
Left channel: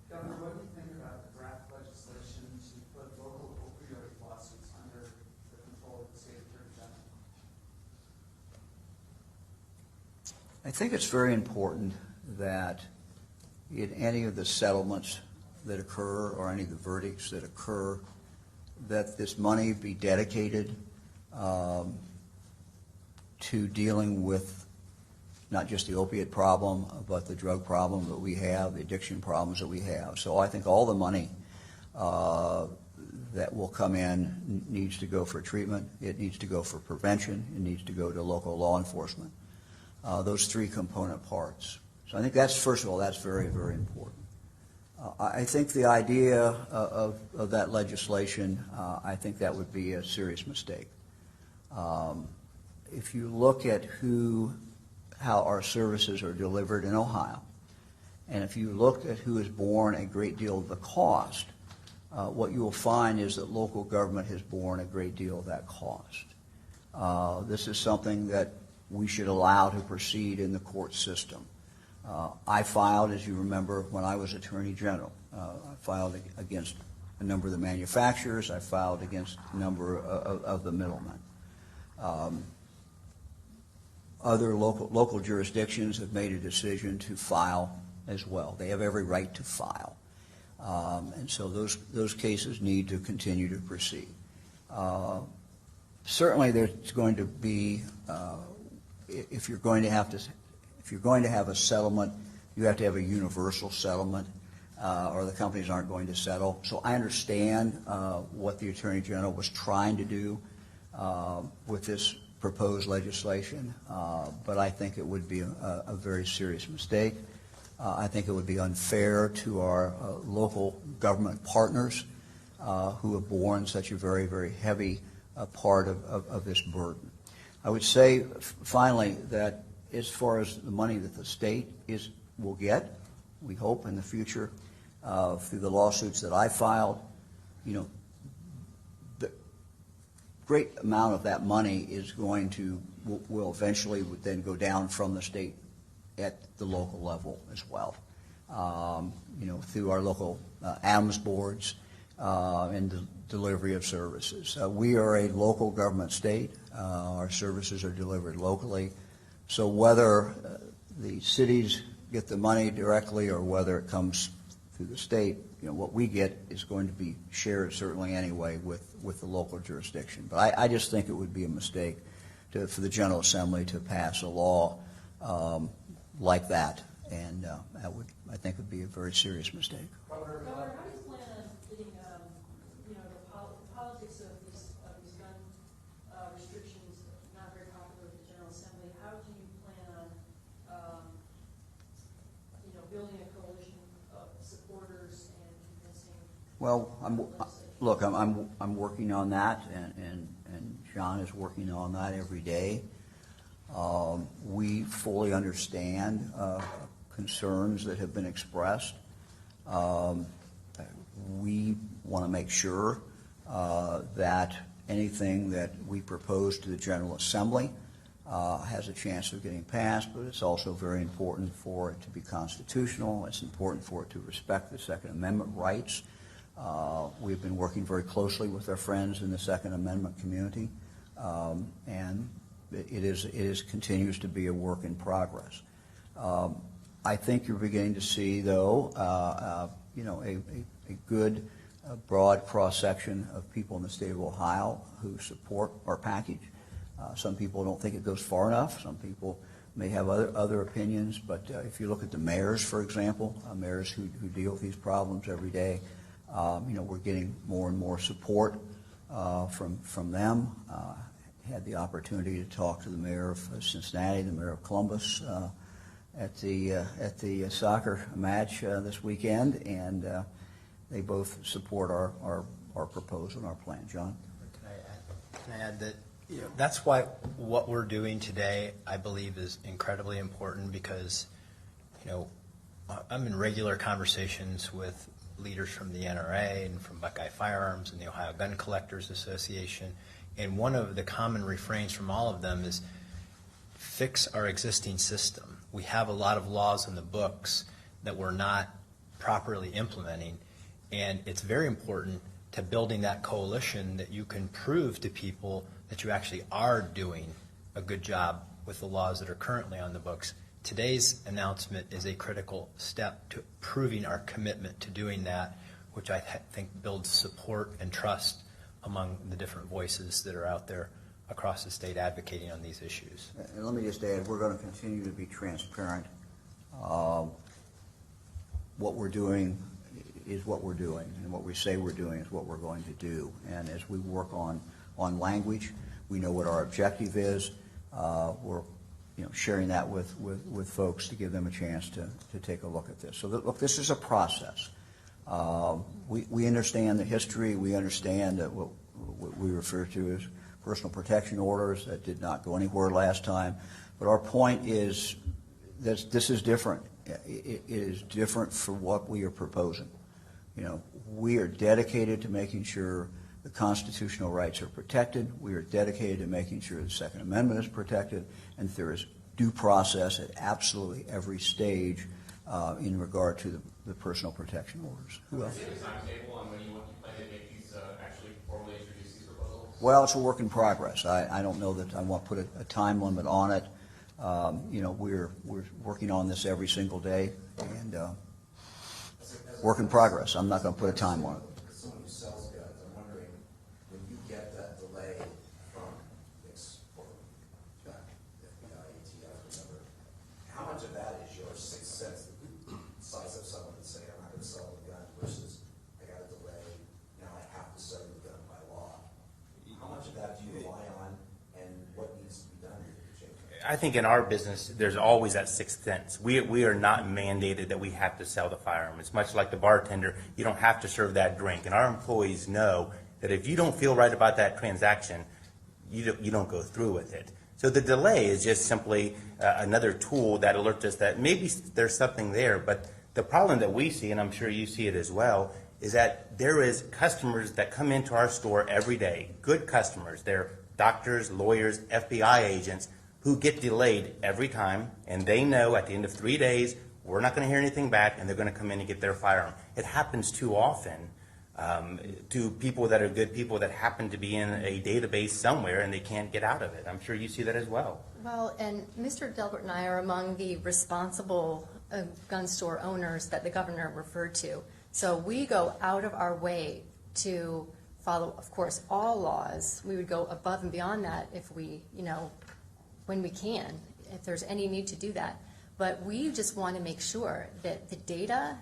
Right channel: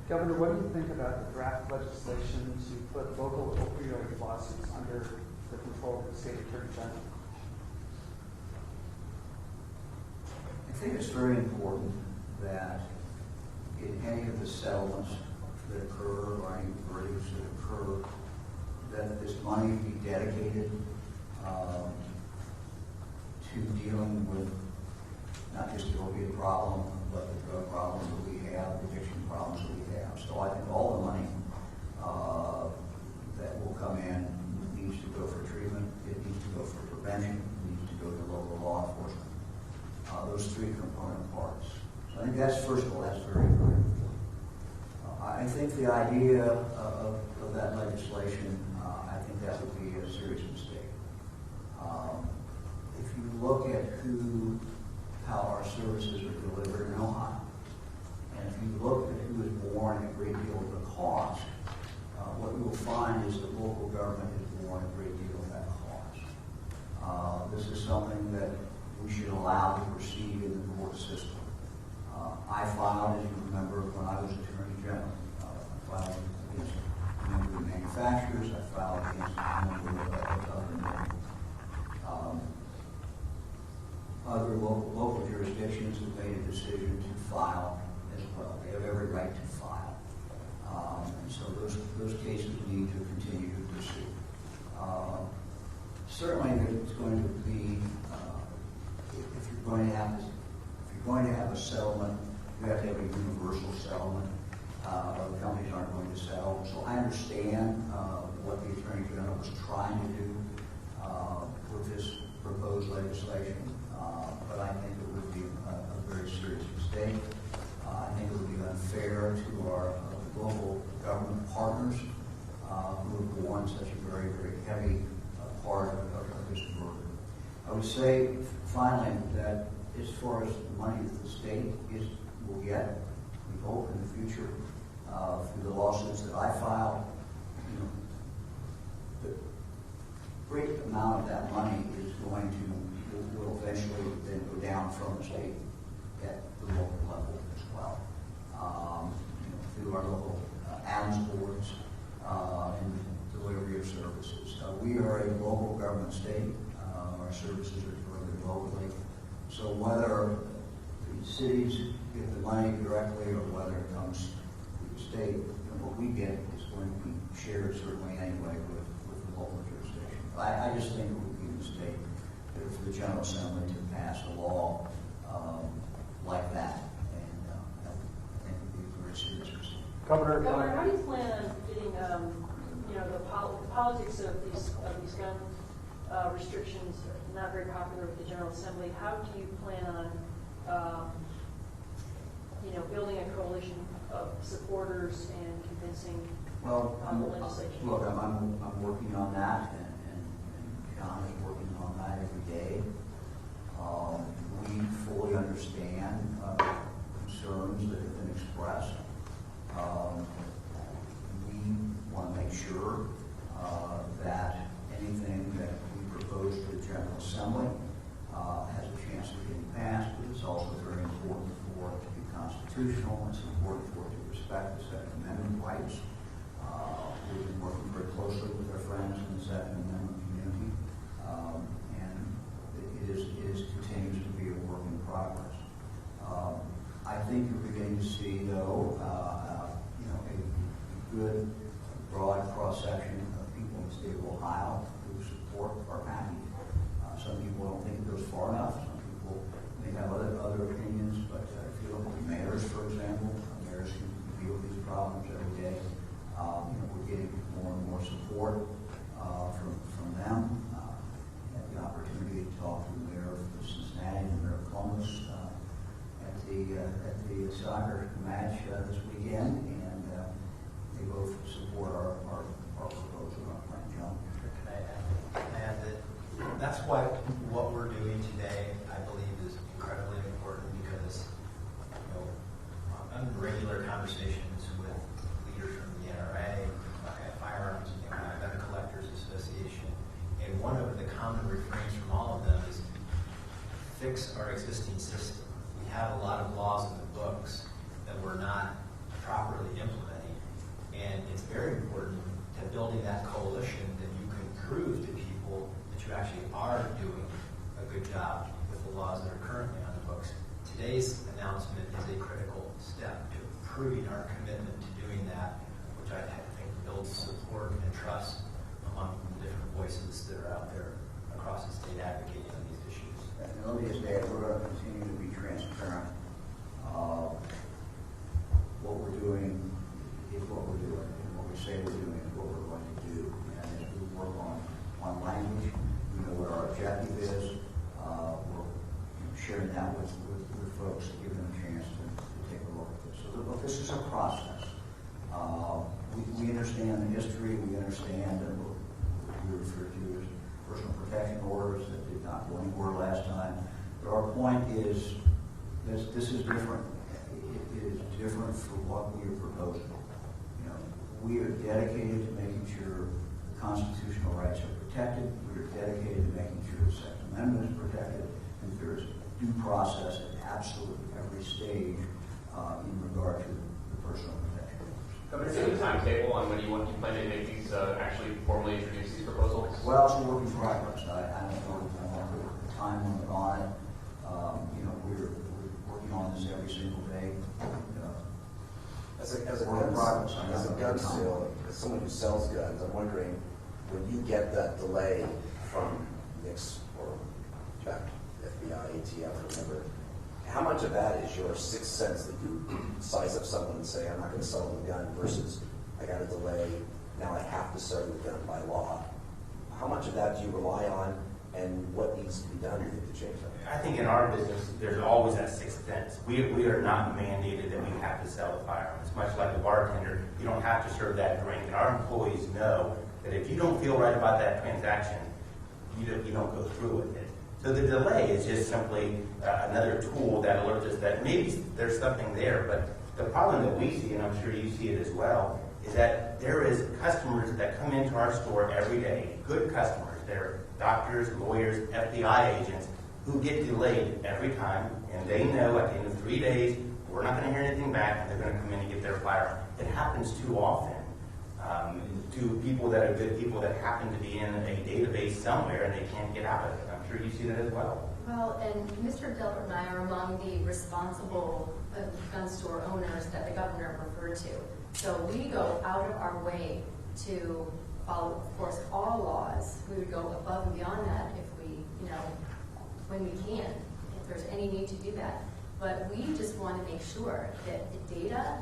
Governor, what do you think about the draft legislation to put local opioid lawsuits under the control of the state attorney general? I think it's very important that in any of the settlements that occur or any verdicts that occur, that this money be dedicated to dealing with not just the opiate problem, but the drug problem that we have, the addiction problems that we have. So I think all the money that will come in needs to go for treatment, it needs to go for prevention, it needs to go to local law enforcement. Those three component parts. So I think that's, first of all, that's very, very important. I think the idea of that legislation, I think that would be a serious mistake. If you look at how our services are delivered in Ohio, and if you look at who has borne a great deal of the cost, what you will find is that local government has borne a great deal of that cost. This is something that we should allow to proceed in the court system. I filed, as you remember, when I was Attorney General, filed against a number of the manufacturers. I filed against a number of the middlemen. Other local jurisdictions have made a decision to file as well. They have every right to file. And so those cases need to continue to proceed. Certainly there's going to be, if you're going to have a settlement, you have to have a universal settlement, or the companies aren't going to settle. So I understand what the Attorney General was trying to do with this proposed legislation, but I think it would be a very serious mistake. I think it would be unfair to our local government partners who have borne such a very, very heavy part of this burden. I would say, finally, that as far as the money that the state will get, we hope in the future, through the lawsuits that I filed, the great amount of that money will eventually then go down from the state at the local level as well. Through our local AMS boards and the delivery of services. We are a local government state. Our services are delivered locally. So whether the cities get the money directly or whether it comes through the state, what we get is going to be shared certainly anyway with the local jurisdiction. But I just think it would be a mistake for the General Assembly to pass a law like that, and I think it would be a very serious mistake. Governor, how do you plan on getting, the politics of these gun restrictions not very popular with the General Assembly? How do you plan on, building a coalition of supporters and convincing the legislation? Look, I'm working on that, and John is working on that every day. We fully understand concerns that have been expressed. We want to make sure that anything that we propose to the General Assembly has a chance of getting passed, but it's also very important for it to be constitutional. It's important for it to respect the Second Amendment rights. We've been working very closely with our friends in the Second Amendment community, and it continues to be a work in progress. I think you're beginning to see, though, a good, broad cross-section of people in the state of Ohio who support our package. Some people don't think it goes far enough. Some people may have other opinions, but if you look at the mayors, for example, mayors who deal with these problems every day, we're getting more and more support from them. Had the opportunity to talk to the mayor of Cincinnati, the mayor of Columbus, at the soccer match this weekend, and they both support our proposal and our plan. John? And that's why what we're doing today, I believe, is incredibly important, because I'm in regular conversations with leaders from the NRA and from Buckeye Firearms and the Ohio Gun Collectors Association, and one of the common refrains from all of them is fix our existing system. We have a lot of laws in the books that we're not properly implementing, and it's very important to building that coalition that you can prove to people that you actually are doing a good job with the laws that are currently on the books. Today's announcement is a critical step to proving our commitment to doing that, which I think builds support and trust among the different voices that are out there across the state advocating on these issues. And let me just add, we're going to continue to be transparent. What we're doing is what we're doing, and what we say we're doing is what we're going to do. And as we work on language, we know what our objective is. We're sharing that with folks to give them a chance to take a look at this. So look, this is a process. We understand the history. We understand what we refer to as personal protection orders that did not go anywhere last time. But our point is that this is different. It is different for what we are proposing. You know, we are dedicated to making sure the constitutional rights are protected. We are dedicated to making sure the Second Amendment is protected, and there is due process at absolutely every stage in regard to the personal protection orders. Is there a timetable on when you plan to make these actually formally introduce these proposals? Well, it's a work in progress. I don't know that I want to put a time limit on it. You know, we're working on this every single day, and As a work in gun- progress. I'm not as a going to put a gun time on seller, it. as someone who sells guns, I'm wondering, when you get that delay from NICS or back FBI, ATF, or whatever, how much of that is your sixth sense that you size up someone and say, I'm not going to sell them a gun, versus I got a delay, now I have to sell them a gun by law? How much of that do you rely on, and what needs to be done to change that? I think in our business, there's always that sixth sense. We are not mandated that we have to sell the firearm. It's much like the bartender. You don't have to serve that drink. And our employees know that if you don't feel right about that transaction, you don't go through with it. So the delay is just simply another tool that alerts us that maybe there's something there. But the problem that we see, and I'm sure you see it as well, is that there is customers that come into our store every day, good customers. They're doctors, lawyers, FBI agents, who get delayed every time, and they know at the end of 3 days, we're not going to hear anything back, and they're going to come in and get their firearm. It happens too often to people that are good people that happen to be in a database somewhere, and they can't get out of it. I'm sure you see that as well. Well, and Mr. Delbert and I are among the responsible gun store owners that the governor referred to. So we go out of our way to follow, of course, all laws. We would go above and beyond that if we, when we can, if there's any need to do that. But we just want to make sure that the data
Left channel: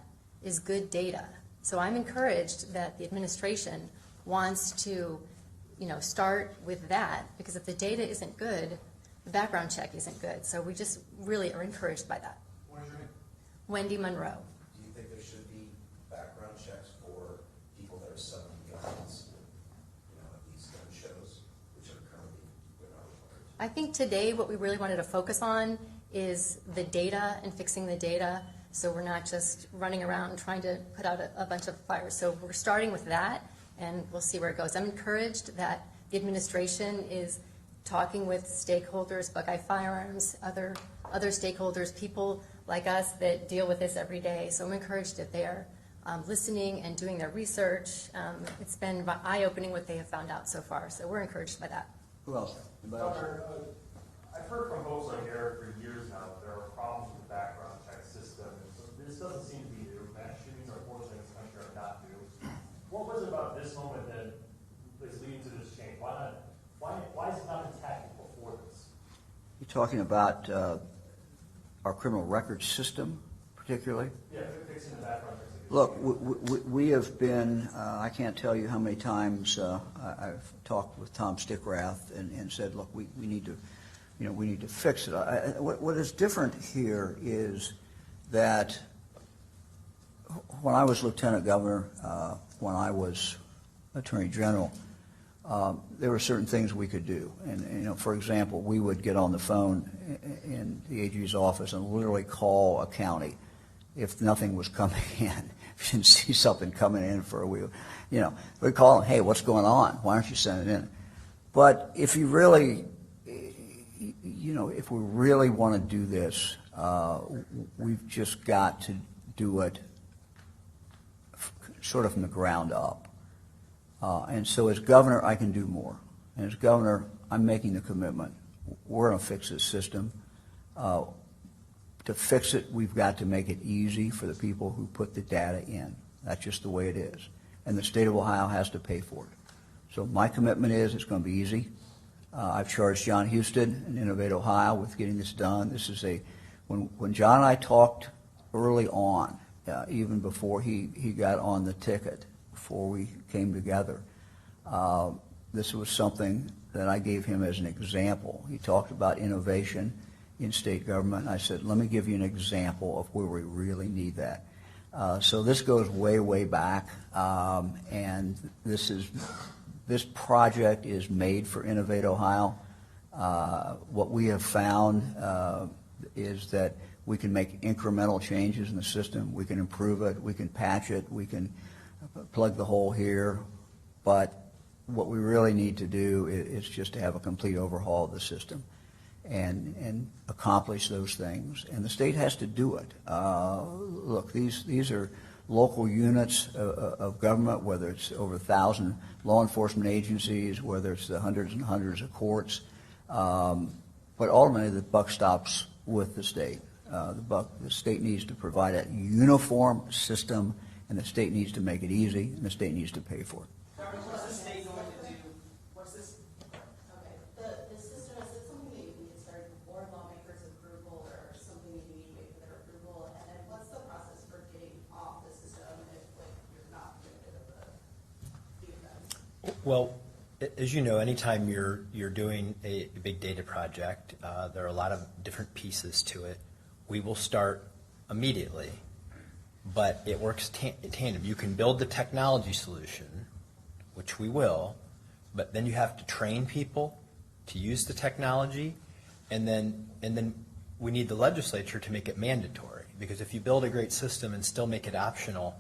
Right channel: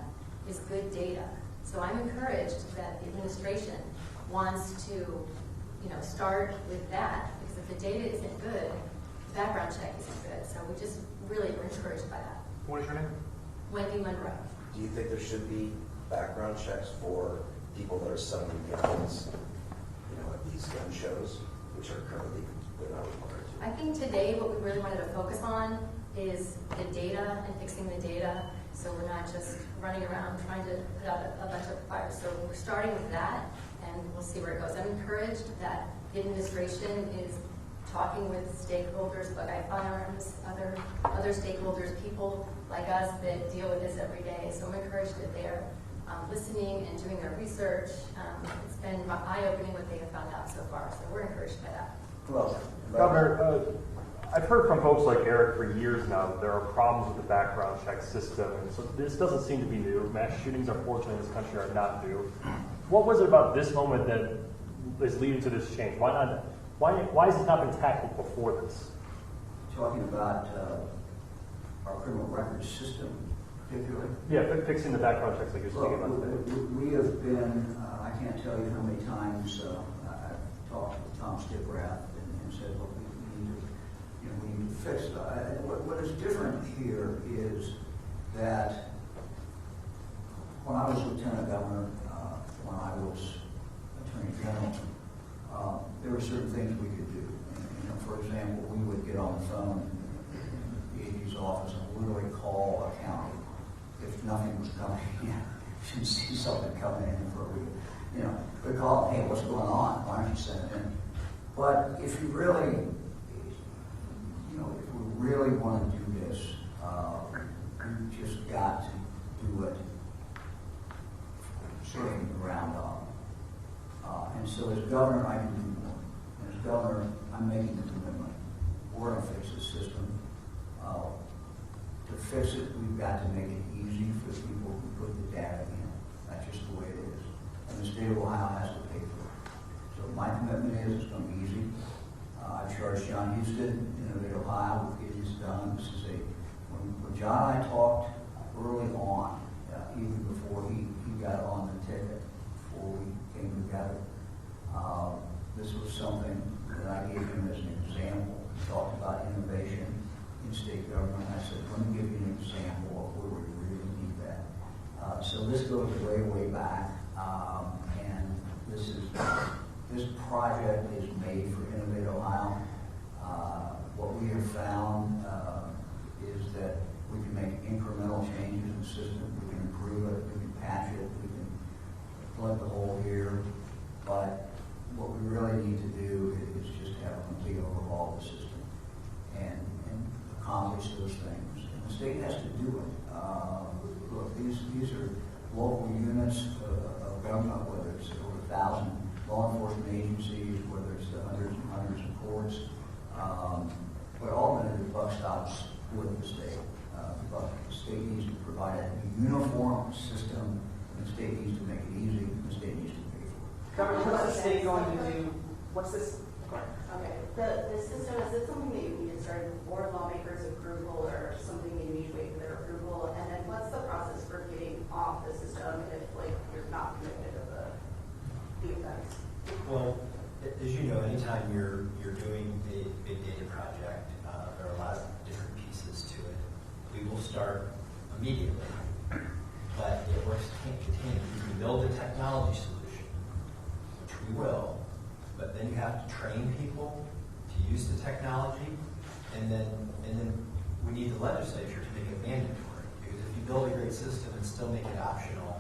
is good data. So I'm encouraged that the administration wants to, start with that, because if the data isn't good, the background check isn't good. So we just really are encouraged by that. What is your name? Wendy Monroe. Do you think there should be background checks for people that are selling guns, at these gun shows, which are currently they're not required to? I think today what we really wanted to focus on is the data and fixing the data, so we're not just running around trying to put out a bunch of fires. So we're starting with that, and we'll see where it goes. I'm encouraged that the administration is talking with stakeholders, Buckeye Firearms, other stakeholders, people like us that deal with this every day. So I'm encouraged that they are listening and doing their research. It's been eye-opening what they have found out so far, so we're encouraged by that. Well, Governor, I've heard from folks like Eric for years now that there are problems with the background check system, and so this doesn't seem to be new. Mass shootings, unfortunately, in this country are not new. What was it about this moment that is leading to this change? Why has it not been tackled before this? You're talking about our criminal record system, particularly? Yeah, fixing the background checks like you're Look, speaking about. we have been, I can't tell you how many times I've talked with Tom Stickrath and said, look, we need to, we need to fix it. What is different here is that when I was Lieutenant Governor, when I was Attorney General, there were certain things we could do. And, for example, we would get on the phone in the AG's office and literally call a county if nothing was coming in. If you didn't see something coming in for a week, we'd call them, hey, what's going on? Why aren't you sending in? But if you really, if we really want to do this, we've just got to do it sort of from the ground up. And so as governor, I can do more. And as governor, I'm making the commitment. We're going to fix this system. To fix it, we've got to make it easy for the people who put the data in. That's just the way it is. And the state of Ohio has to pay for it. So my commitment is it's going to be easy. I've charged John Houston in Innovate Ohio with getting this done. This is when John and I talked early on, even before he got on the ticket, before we came together, this was something that I gave him as an example. He talked about innovation in state government. I said, let me give you an example of where we really need that. So this goes way, way back, and this project is made for Innovate Ohio. What we have found is that we can make incremental changes in the system. We can improve it. We can patch it. We can plug the hole here. But what we really need to do is just to have a complete overhaul of the system and accomplish those things. And the state has to do it. Look, these are local units of government, whether it's over 1,000 law enforcement agencies, whether it's the hundreds and hundreds of courts. But ultimately, the buck stops with the state. The state needs to provide a uniform system, and the state needs to make it easy, and the state needs to pay for it. Governor, what's the state going to do? What's this? Okay, the system, is it something that you need to start board lawmakers approval or something you need to wait for their approval? And then what's the process for getting off the system if like you're not convicted of the offense? Well, as you know, anytime you're doing a big data project, there are a lot of different pieces to it. We will start immediately, but it works in tandem. You can build the technology solution, which we will, but then you have to train people to use the technology, and then we need the legislature to make it mandatory. Because if you build a great system and still make it optional,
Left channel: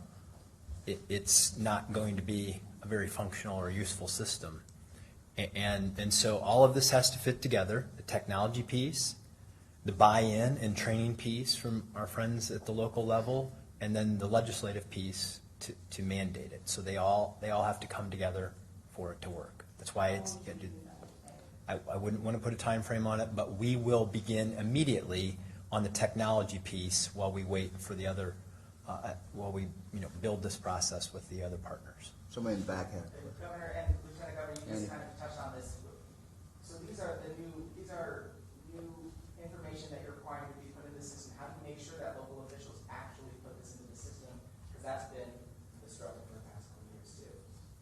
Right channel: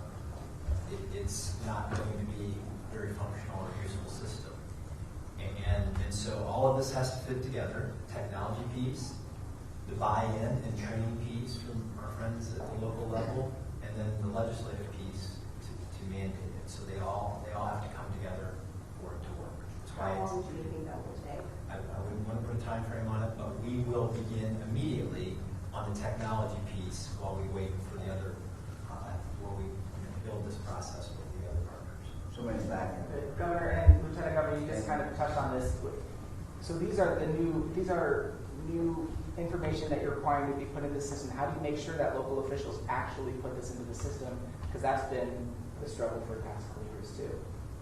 it's not going to be a very functional or useful system. And so all of this has to fit together: the technology piece, the buy-in and training piece from our friends at the local level, and then the legislative piece to mandate it. So they all have to come together for it to work. That's why it's. How long do you think that will take? I wouldn't want to put a time frame on it, but we will begin immediately on the technology piece while we wait for the other, while we build this process with the other partners. Somebody's back. Governor and Lieutenant Governor, you just kind of touched on this. So these are new information that you're requiring to be put in the system. How do you make sure that local officials actually put this into the system? Because that's been the struggle for the past couple of years too.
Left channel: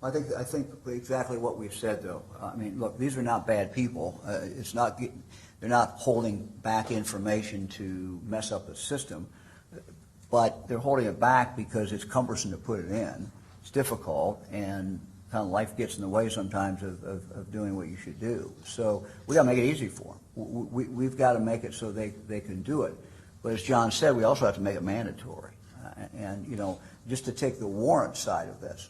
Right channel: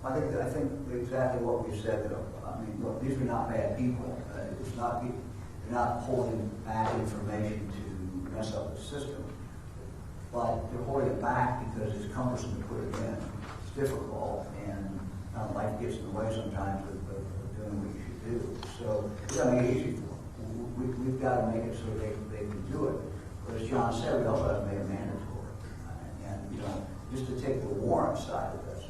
I think exactly what we've said, though. I mean, look, these are not bad people. They're not holding back information to mess up the system, but they're holding it back because it's cumbersome to put it in. It's difficult, and kind of life gets in the way sometimes of doing what you should do. So we got to make it easy for them. We've got to make it so they can do it. But as John said, we also have to make it mandatory. And just to take the warrant side of this,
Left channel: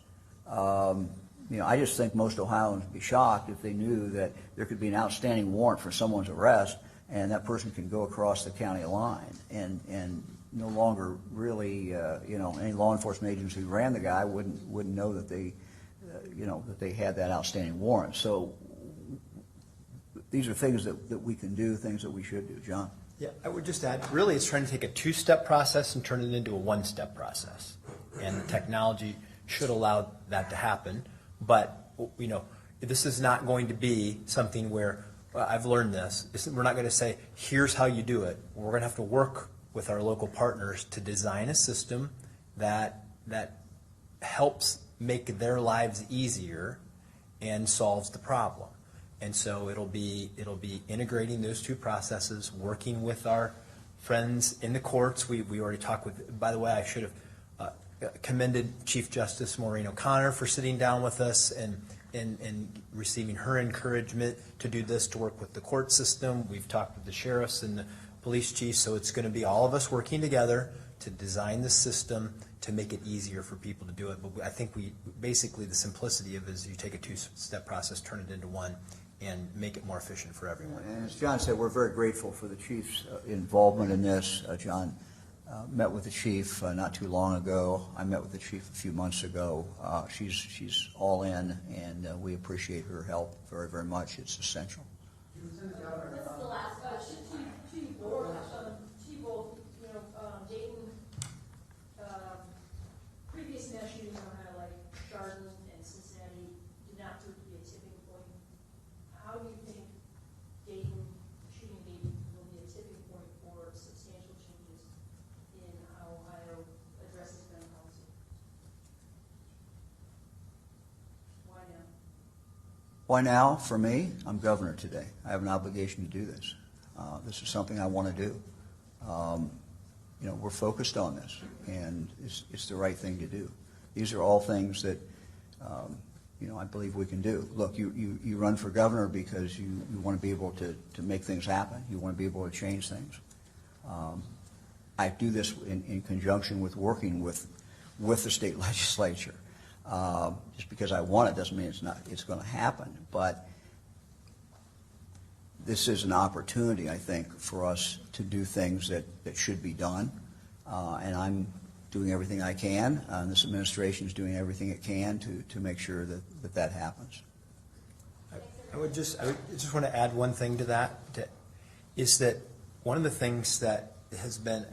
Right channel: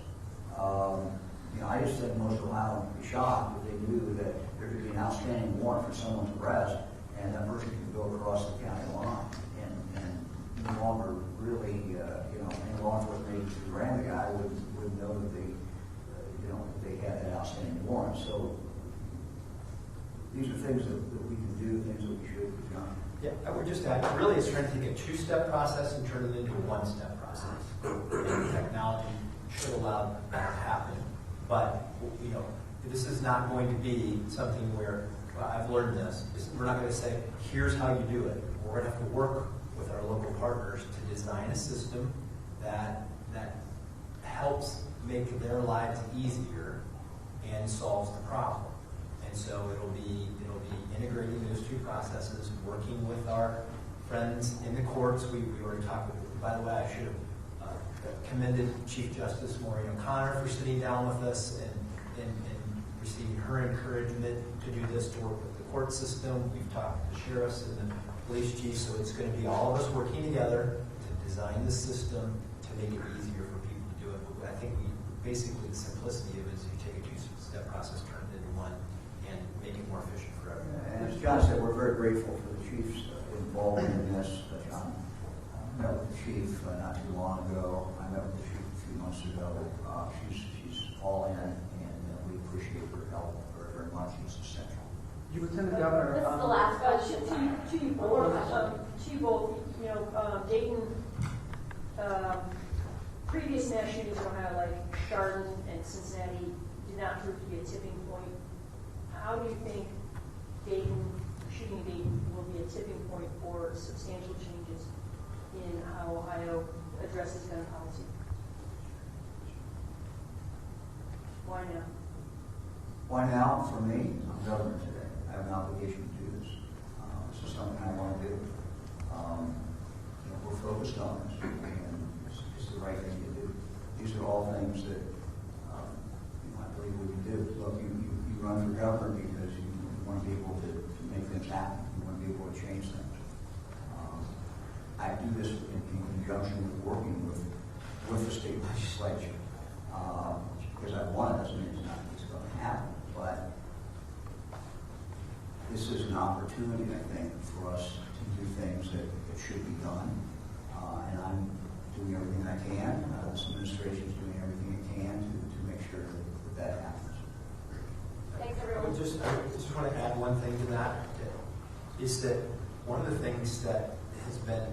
I just think most Ohioans would be shocked if they knew that there could be an outstanding warrant for someone's arrest, and that person could go across the county line and no longer really, any law enforcement agency who ran the guy wouldn't know that they had that outstanding warrant. So these are things that we can do, things that we should do. John? Yeah, I would just add, really it's trying to take a two-step process and turn it into a one-step process. And technology should allow that to happen. But, this is not going to be something where, well, I've learned this. We're not going to say, here's how you do it. We're going to have to work with our local partners to design a system that helps make their lives easier and solves the problem. And so it'll be integrating those two processes, working with our friends in the courts. We already talked with. By the way, I should have commended Chief Justice Maureen O'Connor for sitting down with us and receiving her encouragement to do this, to work with the court system. We've talked with the sheriffs and the police chiefs, so it's going to be all of us working together to design the system to make it easier for people to do it. But I think basically the simplicity of it is you take a two-step process, turn it into one, and make it more efficient for everyone. And as John said, we're very grateful for the chief's involvement in this. John met with the chief not too long ago. I met with the chief a few months ago. She's all in, and we appreciate her help very, very much. It's essential. Lieutenant Governor. This is the last question. To you both, Dayton, previous mass shootings in Ohio, like Chardon and Cincinnati, did not prove to be a tipping point. How do you think shooting Dayton will be a tipping point for substantial changes in how Ohio addresses gun policy? Why now? Why now? For me, I'm governor today. I have an obligation to do this. This is something I want to do. we're focused on this, and it's the right thing to do. These are all things that, I believe we can do. Look, you run for governor because you want to be able to make things happen. You want to be able to change things. I do this in conjunction with working with the state legislature. Just because I want it doesn't mean it's going to happen. But this is an opportunity, I think, for us to do things that should be done. And I'm doing everything I can. This administration is doing everything it can to make sure that happens. I just want to add one thing to that, is that one of the things that has been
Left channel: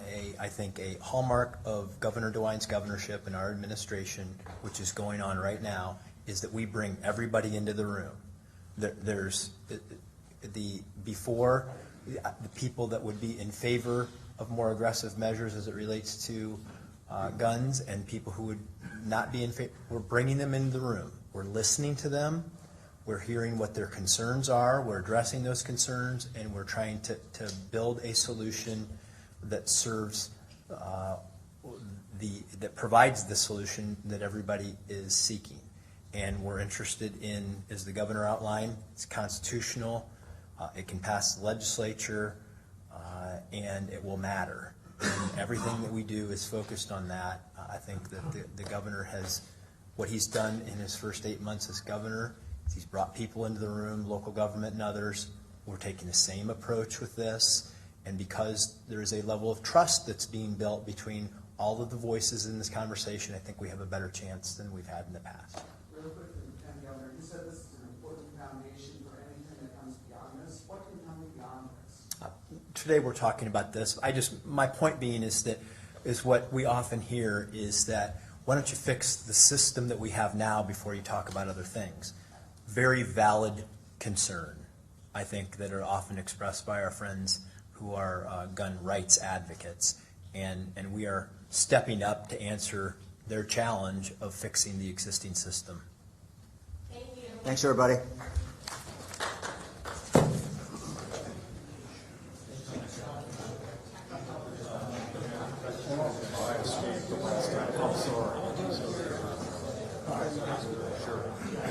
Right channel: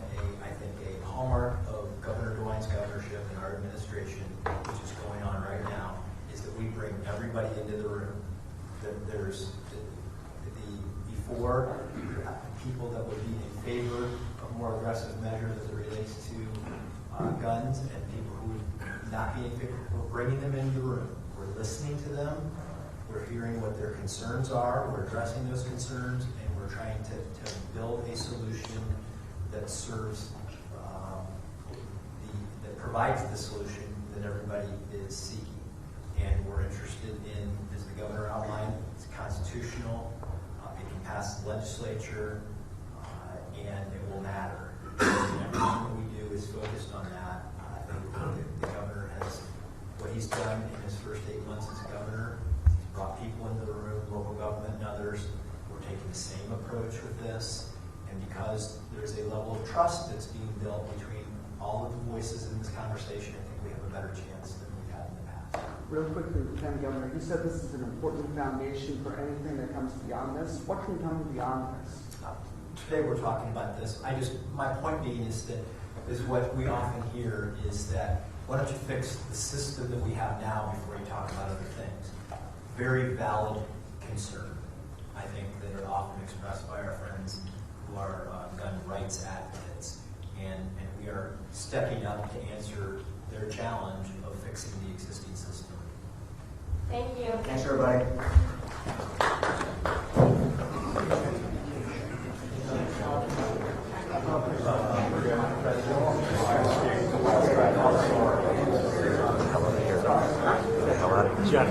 I think a hallmark of Governor DeWine's governorship and our administration, which is going on right now, is that we bring everybody into the room. There's before people that would be in favor of more aggressive measures as it relates to guns, and people who would not be in favor. We're bringing them into the room. We're listening to them. We're hearing what their concerns are. We're addressing those concerns, and we're trying to build a solution that serves that provides the solution that everybody is seeking. And we're interested in, as the governor outlined, it's constitutional. It can pass the legislature, and it will matter. And everything that we do is focused on that. I think that the governor has, what he's done in his first 8 months as governor, he's brought people into the room, local government and others. We're taking the same approach with this. And because there is a level of trust that's being built between all of the voices in this conversation, I think we have a better chance than we've had in the past. Real quickly, Lieutenant Governor, you said this is an important foundation for anything that comes beyond this. What can come beyond this? Today we're talking about this. My point being is what we often hear is that, why don't you fix the system that we have now before you talk about other things? Very valid concern, I think, that are often expressed by our friends who are gun rights advocates. And we are stepping up to answer their challenge of fixing the existing system. Thank you. Thanks, everybody. Jeff.